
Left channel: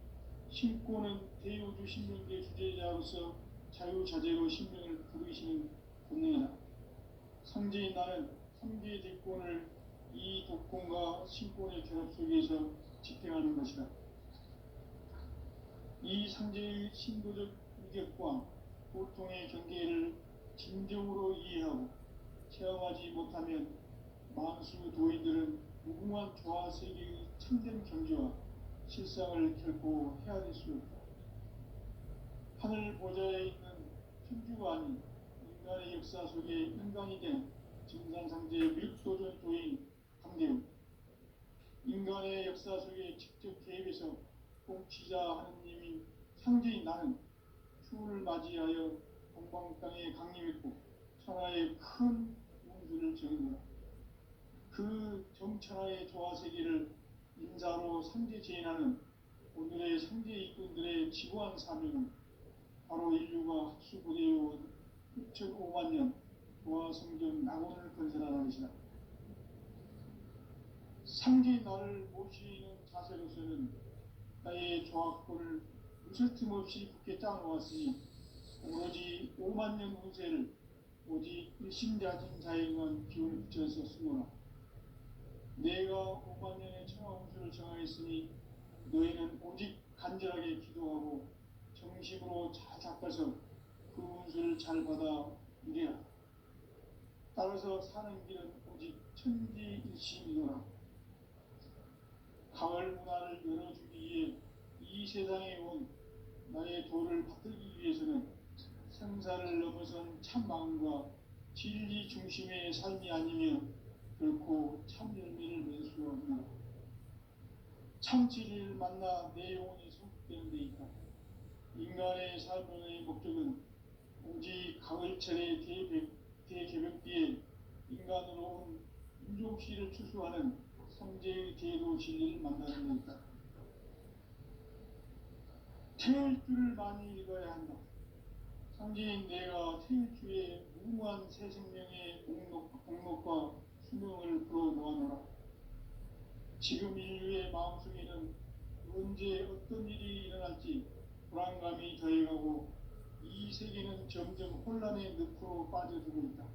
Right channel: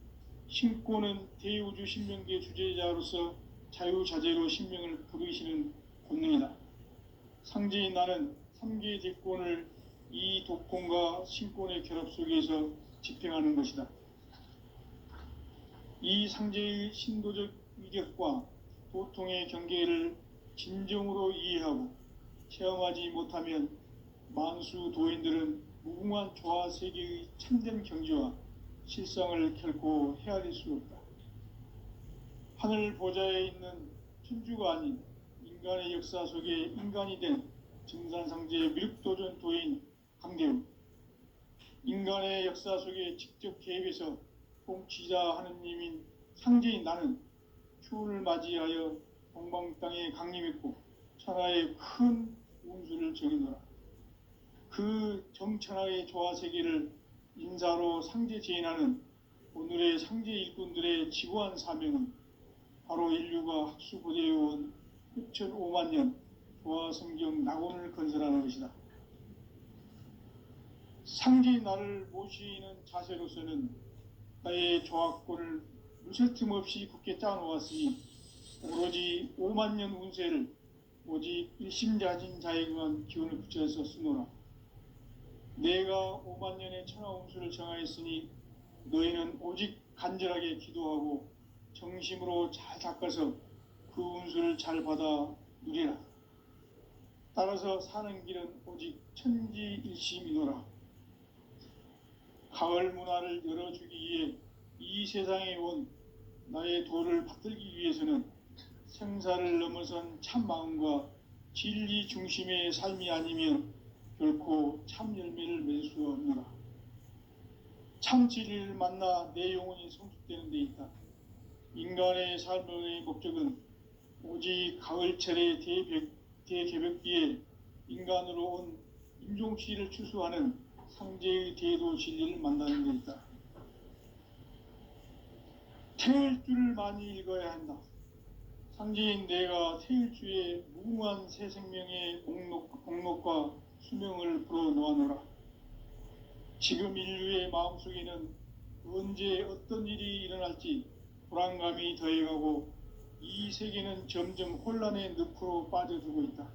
신권은 대우주 신명계 주제자로서 자유자재로 신명을 부르시는 본능이다. 상제인 나는 3개의 대권을 이 도권과 신권의 결합 속에서 집행하는 것이다. 이 상제의 신도적 위격과 도통의 경계를 진정으로 이해하고 체험하지 못하면 만수 도인들은 무궁한 조화 세계의 참된 경지와 실상을 결코 헤아릴 수 없다. 하늘 보좌에 있는 천주가 아닌 인간의 역사 속에 인간이 된 증산상제 미륵도전 도인 강대우, 인간의 역사 속에 직접 개입해서 통치자 하느님인 상제인 나는 추운을 맞이하여 동방 땅에 강림했고 천하의 큰 운수를 정해놓아 그 정천하의 조화세계를 인사로 상제 제인하는 오늘의 상제 일꾼들의 지고한 사명은 바로 인류가 학수고대해온 후천 5만 년 조화성경 낙원을 건설하는 것이다. 상제인 나를 모시는 자세로서는 나의 조화권을 무쇠틈 없이 굳게 짜놓았으니 오로지 5만 년 운세를 오직 일심자진 자에게만 기운을 붙여서 쓰노라. 내가 5만 년의 천하 운수를 정하였으니 너희는 오직 간절하게 기도하고 정심으로 잘 닦아서 그 운수를 잘 받아 누리라. 따라서 사는 길은 오직 천지일심이노라. 가을 문화를 열어주기 위해 이 세상에 온 나의 도를 받들기 위해서는 생사를 넘어선 참 마음과 진리 중심의 삶이 아니면 결코 참 열매를 맺을 수가 없노라. 참 진리를 만나 내 영혼이 성숙되는 데 있다. 인간의 삶의 목적은 오직 가을철의 대개벽기에 인간으로 온 인종시를 추수하는 상제의 대도 진리를 만나는 데 있다. 태일주를 많이 읽어야 한다. 상제인 내가 태일주의 무궁한 새 생명의 공목과 수명을 불어놓아노라. 지금 인류의 마음속에는 언제 어떤 일이 일어날지 불안감이 더해가고 이 세계는 점점 혼란의 늪으로 빠져들고 있다.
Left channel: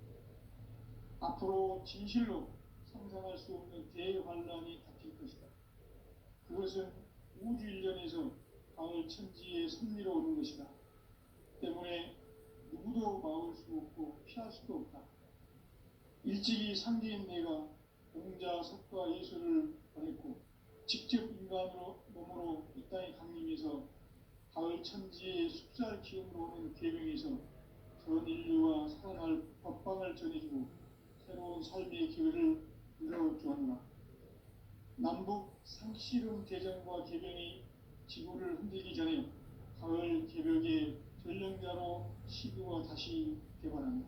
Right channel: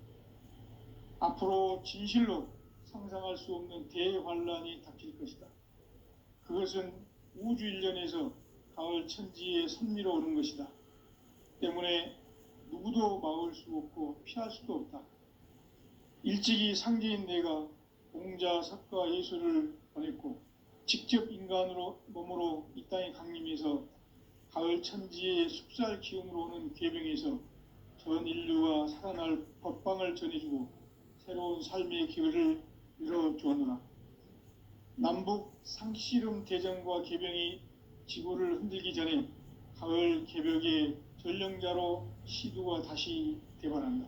앞으로 진실로 상상할 수 없는 대환란이 닥칠 것이다. 그것은 우주 일련에서 가을 천지에 선미로 오는 것이다. 때문에 누구도 막을 수 없고 피할 수도 없다. 일찍이 상제인 내가 공자, 석가, 예수를 보냈고 직접 인간으로 몸으로 이 땅에 강림해서 가을 천지의 숲살 기운으로 오는 괴병에서 전 인류가 살아날 법방을 전해주고 새로운 삶의 기회를 열어주었노라. 남북 상씨름 대전과 개병이 지구를 흔들기 전에 가을 개벽의 전령자로 시두가 다시 대발한다.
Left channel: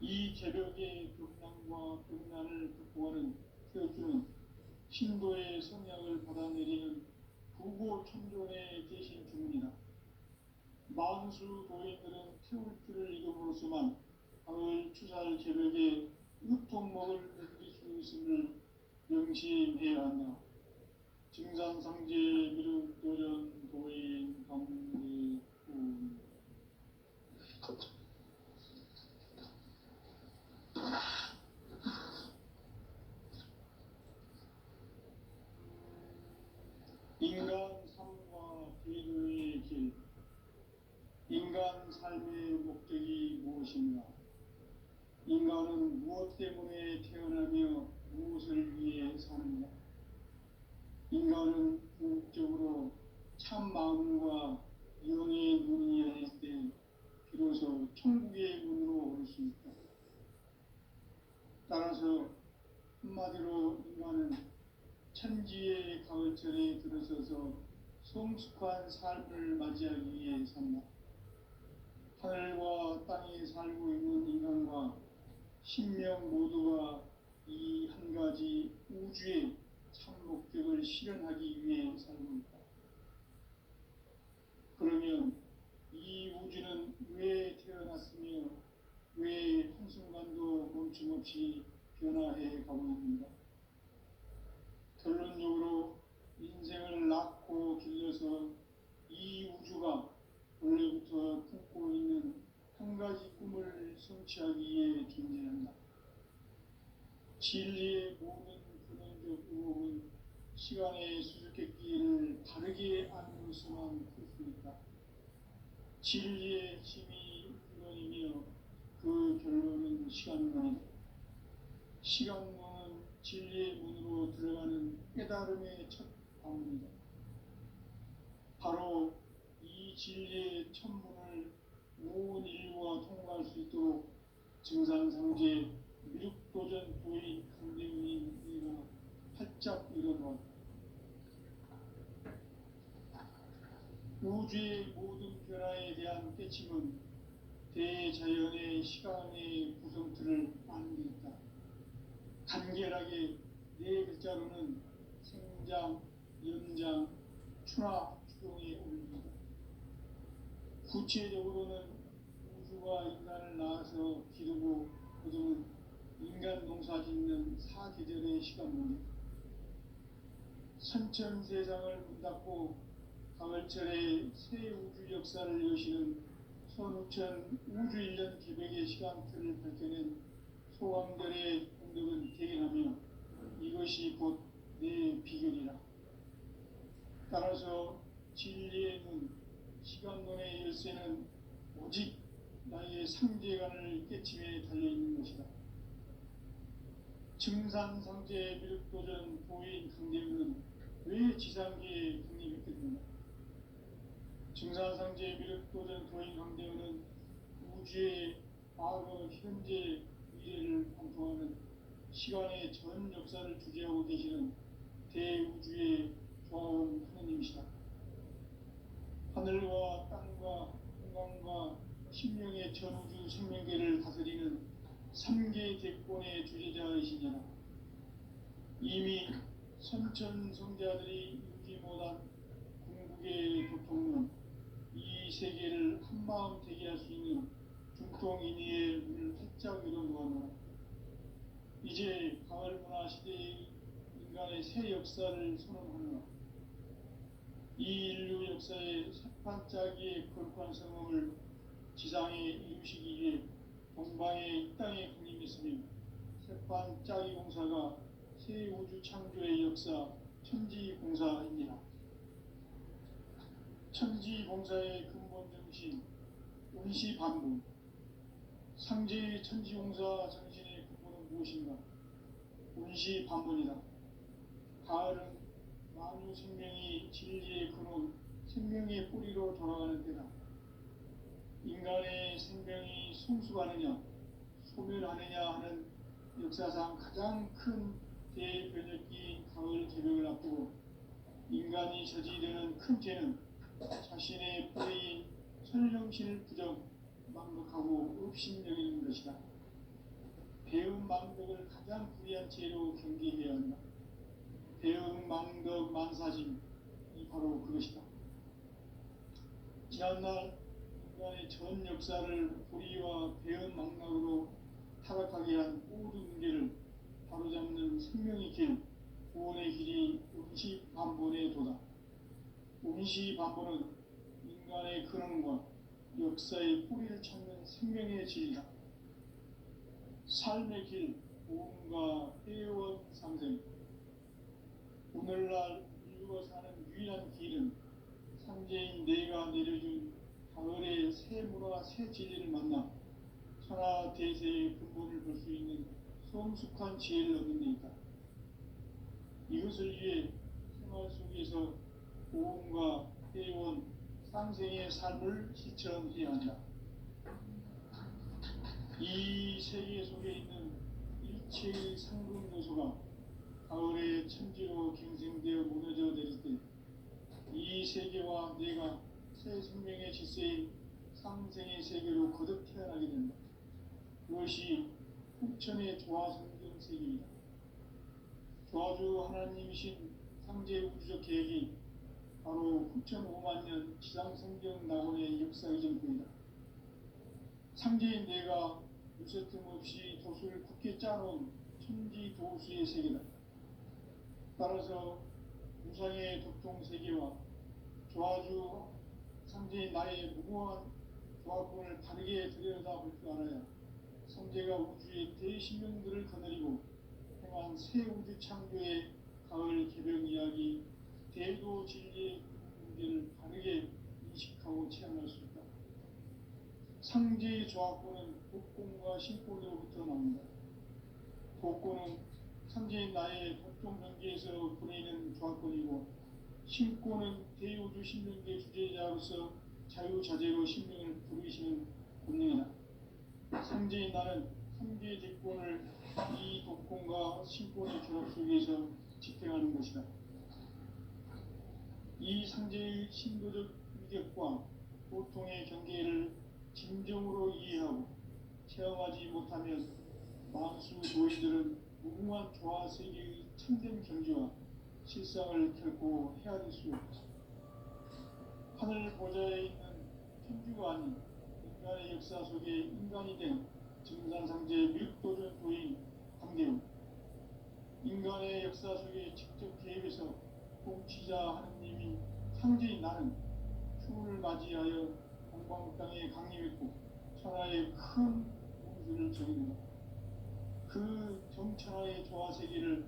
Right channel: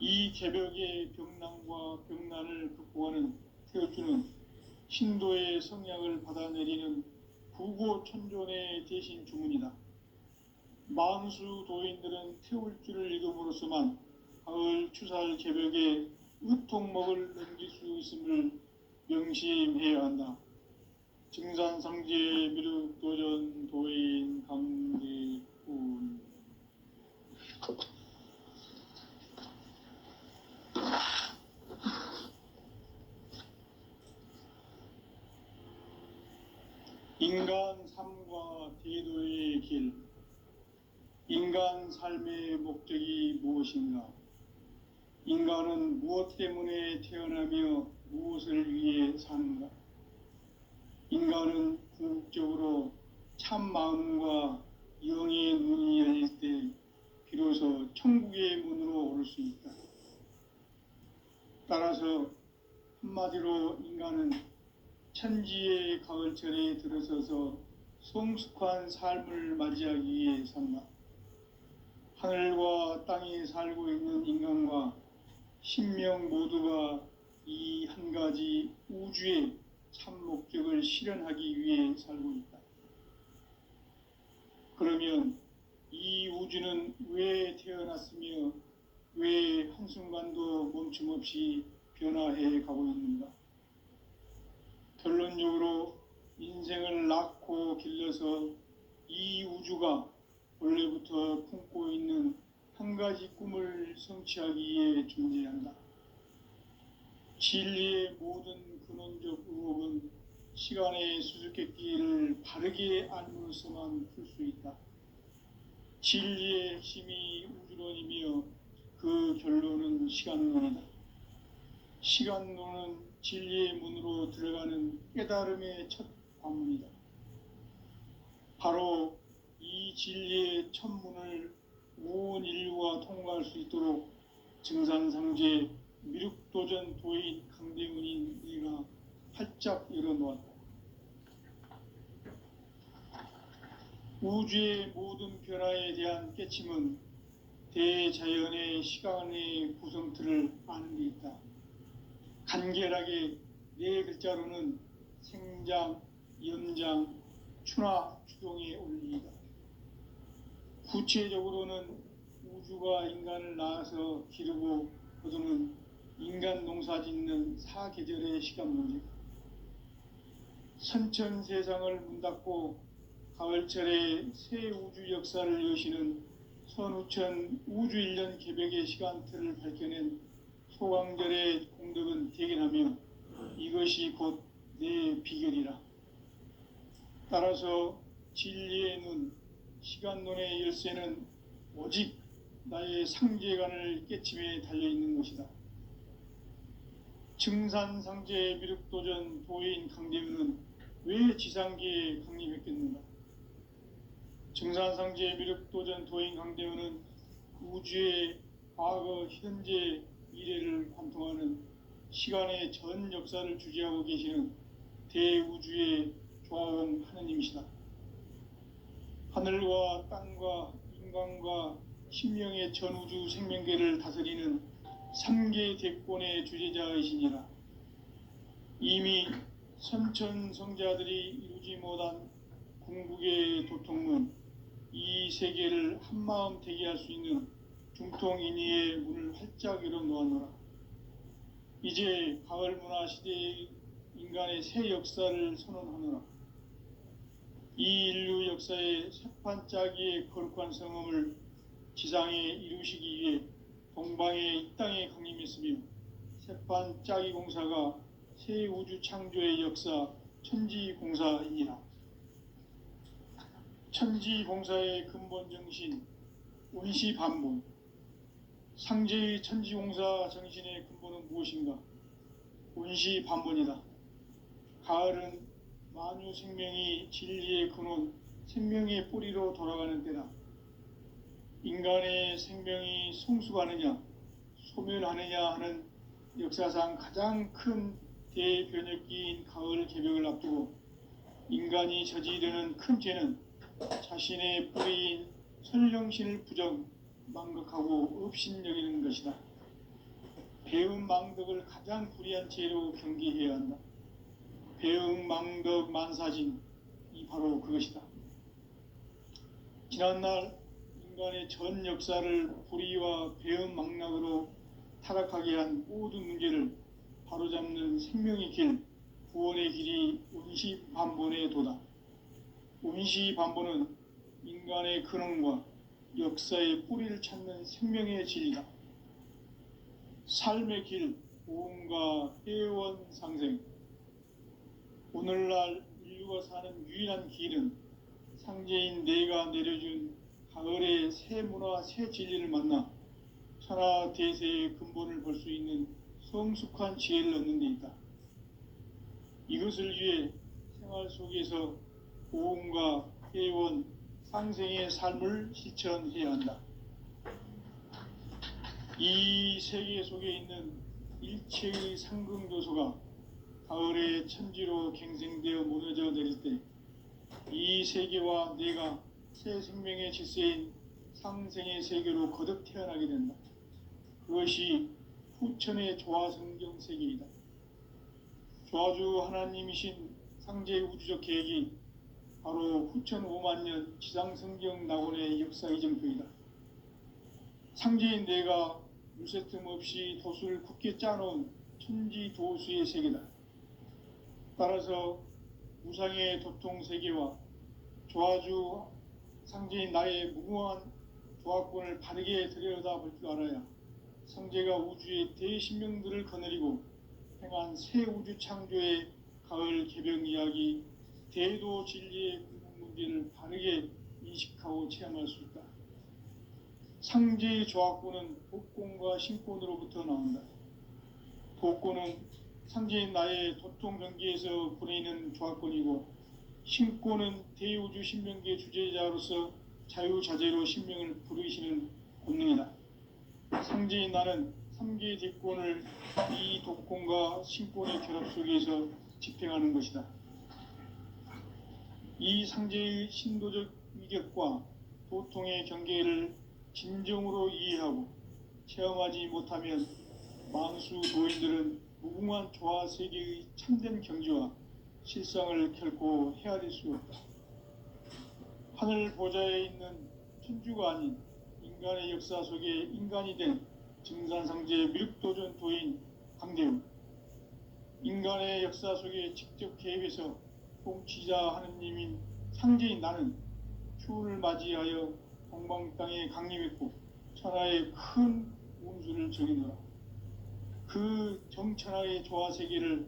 이 개벽의 병난과 병난을 극복하는 태어주는 신도의 성량을 받아내리는 부고천존의 대신 주문이다. 만수 도인들은 태울주를 읽음으로써만 가을 추살 개벽의 의통목을 넘길 수 있음을 명심해야 한다. 증산상제 미륵도전 도인 강대훈. 인간 삶과 대도의 길. 인간 삶의 목적이 무엇인가? 인간은 무엇 때문에 태어나며 무엇을 위해 사는가? 인간은 궁극적으로 참 마음과 영의 눈이 열릴 때 비로소 천국의 문으로 오를 수 있다. 따라서 한마디로 인간은 천지의 가을철에 들어서서 성숙한 삶을 맞이하기 위해 산다. 하늘과 땅에 살고 있는 인간과 신명 모두가 이 한 가지 우주의 참 목적을 실현하기 위해 살고 있다. 그러면 이 우주는 왜 태어났으며 왜 한순간도 멈춤없이 변화해 가고 있는가? 결론적으로 인생을 낳고 길러서 이 우주가 원래부터 품고 있는 한 가지 꿈을 성취하기 위해 존재한다. 진리의 모든 근원적 의혹은 시간의 수수께끼를 바르게 알므로서만 풀 수 있다. 진리의 핵심이 우주론이며 그 결론은 시간론이다. 시간론은 진리의 문으로 들어가는 깨달음의 첫 관문이다. 바로 이 진리의 첫 문을 온 인류가 통과할 수 있도록 증산상제 미륵도전 도인 강대훈인 네가 활짝 열어놓았다. 우주의 모든 변화에 대한 깨침은 대자연의 시간의 구성틀을 아는 데 있다. 간결하게 네 글자로는 생장, 연장, 추나 추동의 원리이다. 구체적으로는 우주가 인간을 낳아서 기르고 거두는 인간 농사 짓는 사계절의 시간 문제다. 선천 세상을 문 닫고 가을철에 새 우주 역사를 여시는 선우천 우주 1년 개벽의 시간틀을 밝혀낸 소강절의 공덕은 대견하며 이것이 곧 내 비결이라. 따라서 진리의 눈, 시간론의 열쇠는 오직 나의 상제관을 깨침에 달려있는 것이다. 증산상제 미륵도전 도인 강대훈은 왜 지상계에 강림했겠는가? 증산상제 미륵도전 도인 강대훈은 우주의 과거, 현재, 미래를 관통하는 시간의 전 역사를 주재하고 계시는 대우주의 조화원 하느님이시다. 하늘과 땅과 인간과 신명의 전우주 생명계를 다스리는 3계 대권의 주제자이시니라. 이미 선천성자들이 이루지 못한 궁극의 도통문, 이 세계를 한마음 되게 할 수 있는 중통인의의 문을 활짝 열어놓았노라. 이제 가을 문화 시대의 인간의 새 역사를 선언하노라. 이 인류 역사의 새판짜기의 거룩한 성험을 지상에 이루시기 위해 동방의 이 땅에 강림했으며 새판짜기 공사가 새 우주 창조의 역사 천지공사이니라. 천지공사의 근본 정신 원시반복. 상제의 천지공사 정신의 근본은 무엇인가? 원시반복이다. 가을은 만유 생명이 진리의 근원, 생명의 뿌리로 돌아가는 때다. 인간의 생명이 성숙하느냐, 소멸하느냐 하는 역사상 가장 큰 대변혁기인 가을 개벽을 앞두고 인간이 저지르는 큰 죄는 자신의 뿌리인 선령신을 망각하고 업신여기는 것이다. 배은망덕을 가장 불의한 죄로 경계해야 한다. 배은망덕 만사진이 바로 그것이다. 지난날 인간의 전 역사를 불의와 배은망락으로 타락하게 한 모든 문제를 바로잡는 생명의 길, 구원의 길이 운시반본의 도다. 운시반본은 인간의 근원과 역사의 뿌리를 찾는 생명의 진리다. 삶의 길, 보험과 회원 상생. 오늘날 인류가 사는 유일한 길은 상제인 내가 내려준 가을의 새 문화, 새 진리를 만나 천하 대세의 근본을 볼 수 있는 성숙한 지혜를 얻는 데 있다. 이것을 위해 생활 속에서 보험과 회원, 상생의 삶을 실천해야 한다. 이 세계 속에 있는 일체의 상승 요소가 가을의 천지로 갱생되어 무너져 내릴 때 이 세계와 내가 새 생명의 질서인 상생의 세계로 거듭 태어나게 된다. 그것이 후천의 조화성경 세계이다. 조화주 하나님이신 상제 우주적 계획이 바로 후천 5만 년 지상성경 낙원의 역사 이정표이다. 상제인 내가 무쇠틈 없이 도수를 굳게 짜놓은 천지 도수의 세계다. 따라서 무상의 도통 세계와 조화주 상제인 나의 무궁한 조화권을 바르게 들여다볼 줄 알아야 상제가 우주의 대신명들을 거느리고 행한 새 우주 창조의 가을 개벽 이야기, 대도 진리의 문제를 바르게 인식하고 체험할 수 있다. 상제의 조화권은 복권과 신권으로부터 나온다. 복권은 상제인 나의 도통 경계에서 보내는 조화권이고, 신권은 대우주 신명계 주제자로서 자유자재로 신명을 부르시는 권능이다. 상제인 나는 3개의 대권을 이 독권과 신권의 결합 속에서 집행하는 것이다. 이 상제의 신도적 위격과 도통의 경계를 진정으로 이해하고 체험하지 못하면 만수 도인들은 무궁한 조화 세계의 참된 경지와 실상을 결코 헤아릴 수 없다. 하늘 보좌에 있는 천주가 아닌 인간의 역사 속에 인간이 된 증산상제 밀도전 도인 강대우, 인간의 역사 속에 직접 개입해서 통치자 하느님인 상제인 나는 추운을 맞이하여 동방 땅에 강림했고 천하의 큰 운수를 정해놓아 그 정천하의 조화세계를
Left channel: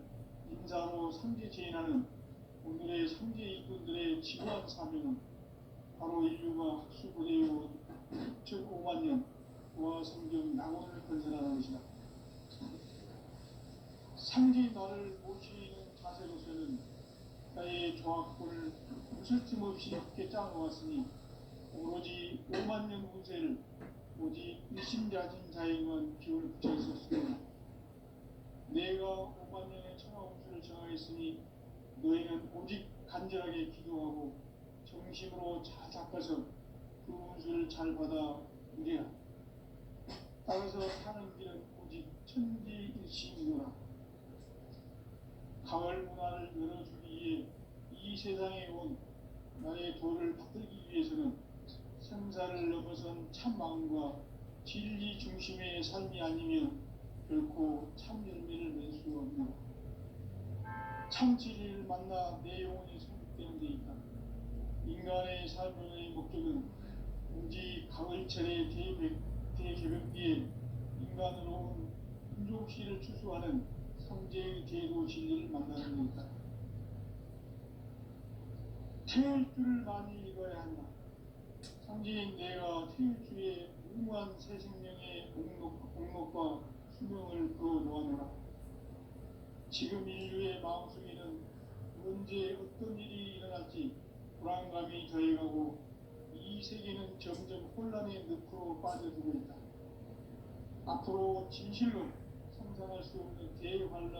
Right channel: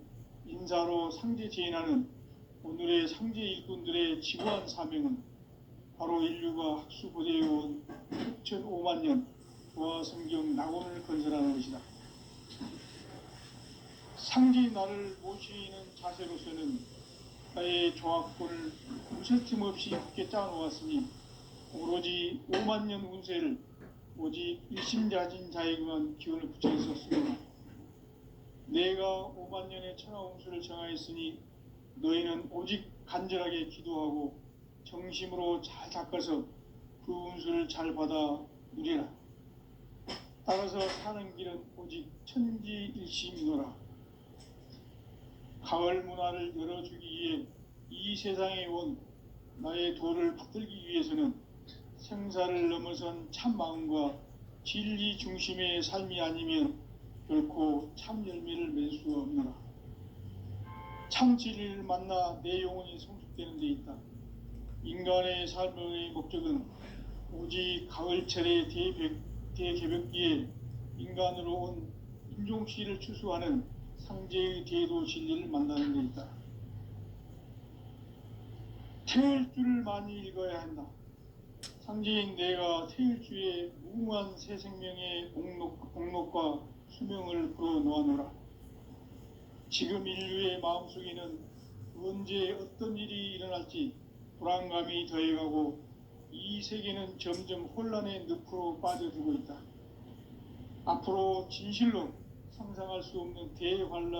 인사로 상제 제인하는 오늘의 상제 일꾼들의 지구한 사명은 바로 인류가 학수고대해온 6,5만 년 조화성경 낙원을 건설하는 것이다. 상제인 나를 모시는 자세로서는 나의 조화권을 무쇠틈 없이 굳게 짜놓았으니 오로지 5만 년 운세를 오직 일심자진 자에게만 기운을 붙여 있었습니다. 내가 5만 년의 천하 운수를 정하였으니 너희는 오직 간절하게 기도하고 정심으로 잘 닦아서 그 운수를 잘 받아 누리라. 따라서 사는 길은 오직 천지일심이노라. 가을 문화를 열어주기 위해 이 세상에 온 나의 도를 받들기 위해서는 생사를 넘어선 참 마음과 진리 중심의 삶이 아니면 결코 참 열매를 맺을 수 없노라. 참 진리를 만나 내 영혼이 성숙되는 데 있다. 인간의 삶의 목적은 오직 가을철의 대개벽기에 인간으로 온 인종씨를 추수하는 상제의 대도 진리를 만나는 데 있다. 태을 줄을 많이 읽어야 한다. 상제인 내가 태일주의 무궁한 새 생명의 목록과 수명을 풀어 놓아노라. 지금 인류의 마음속에는 언제 어떤 일이 일어날지 불안감이 더해가고 이 세계는 점점 혼란의 늪으로 빠져들고 있다. 앞으로 진실로 상상할 수 없는 대환란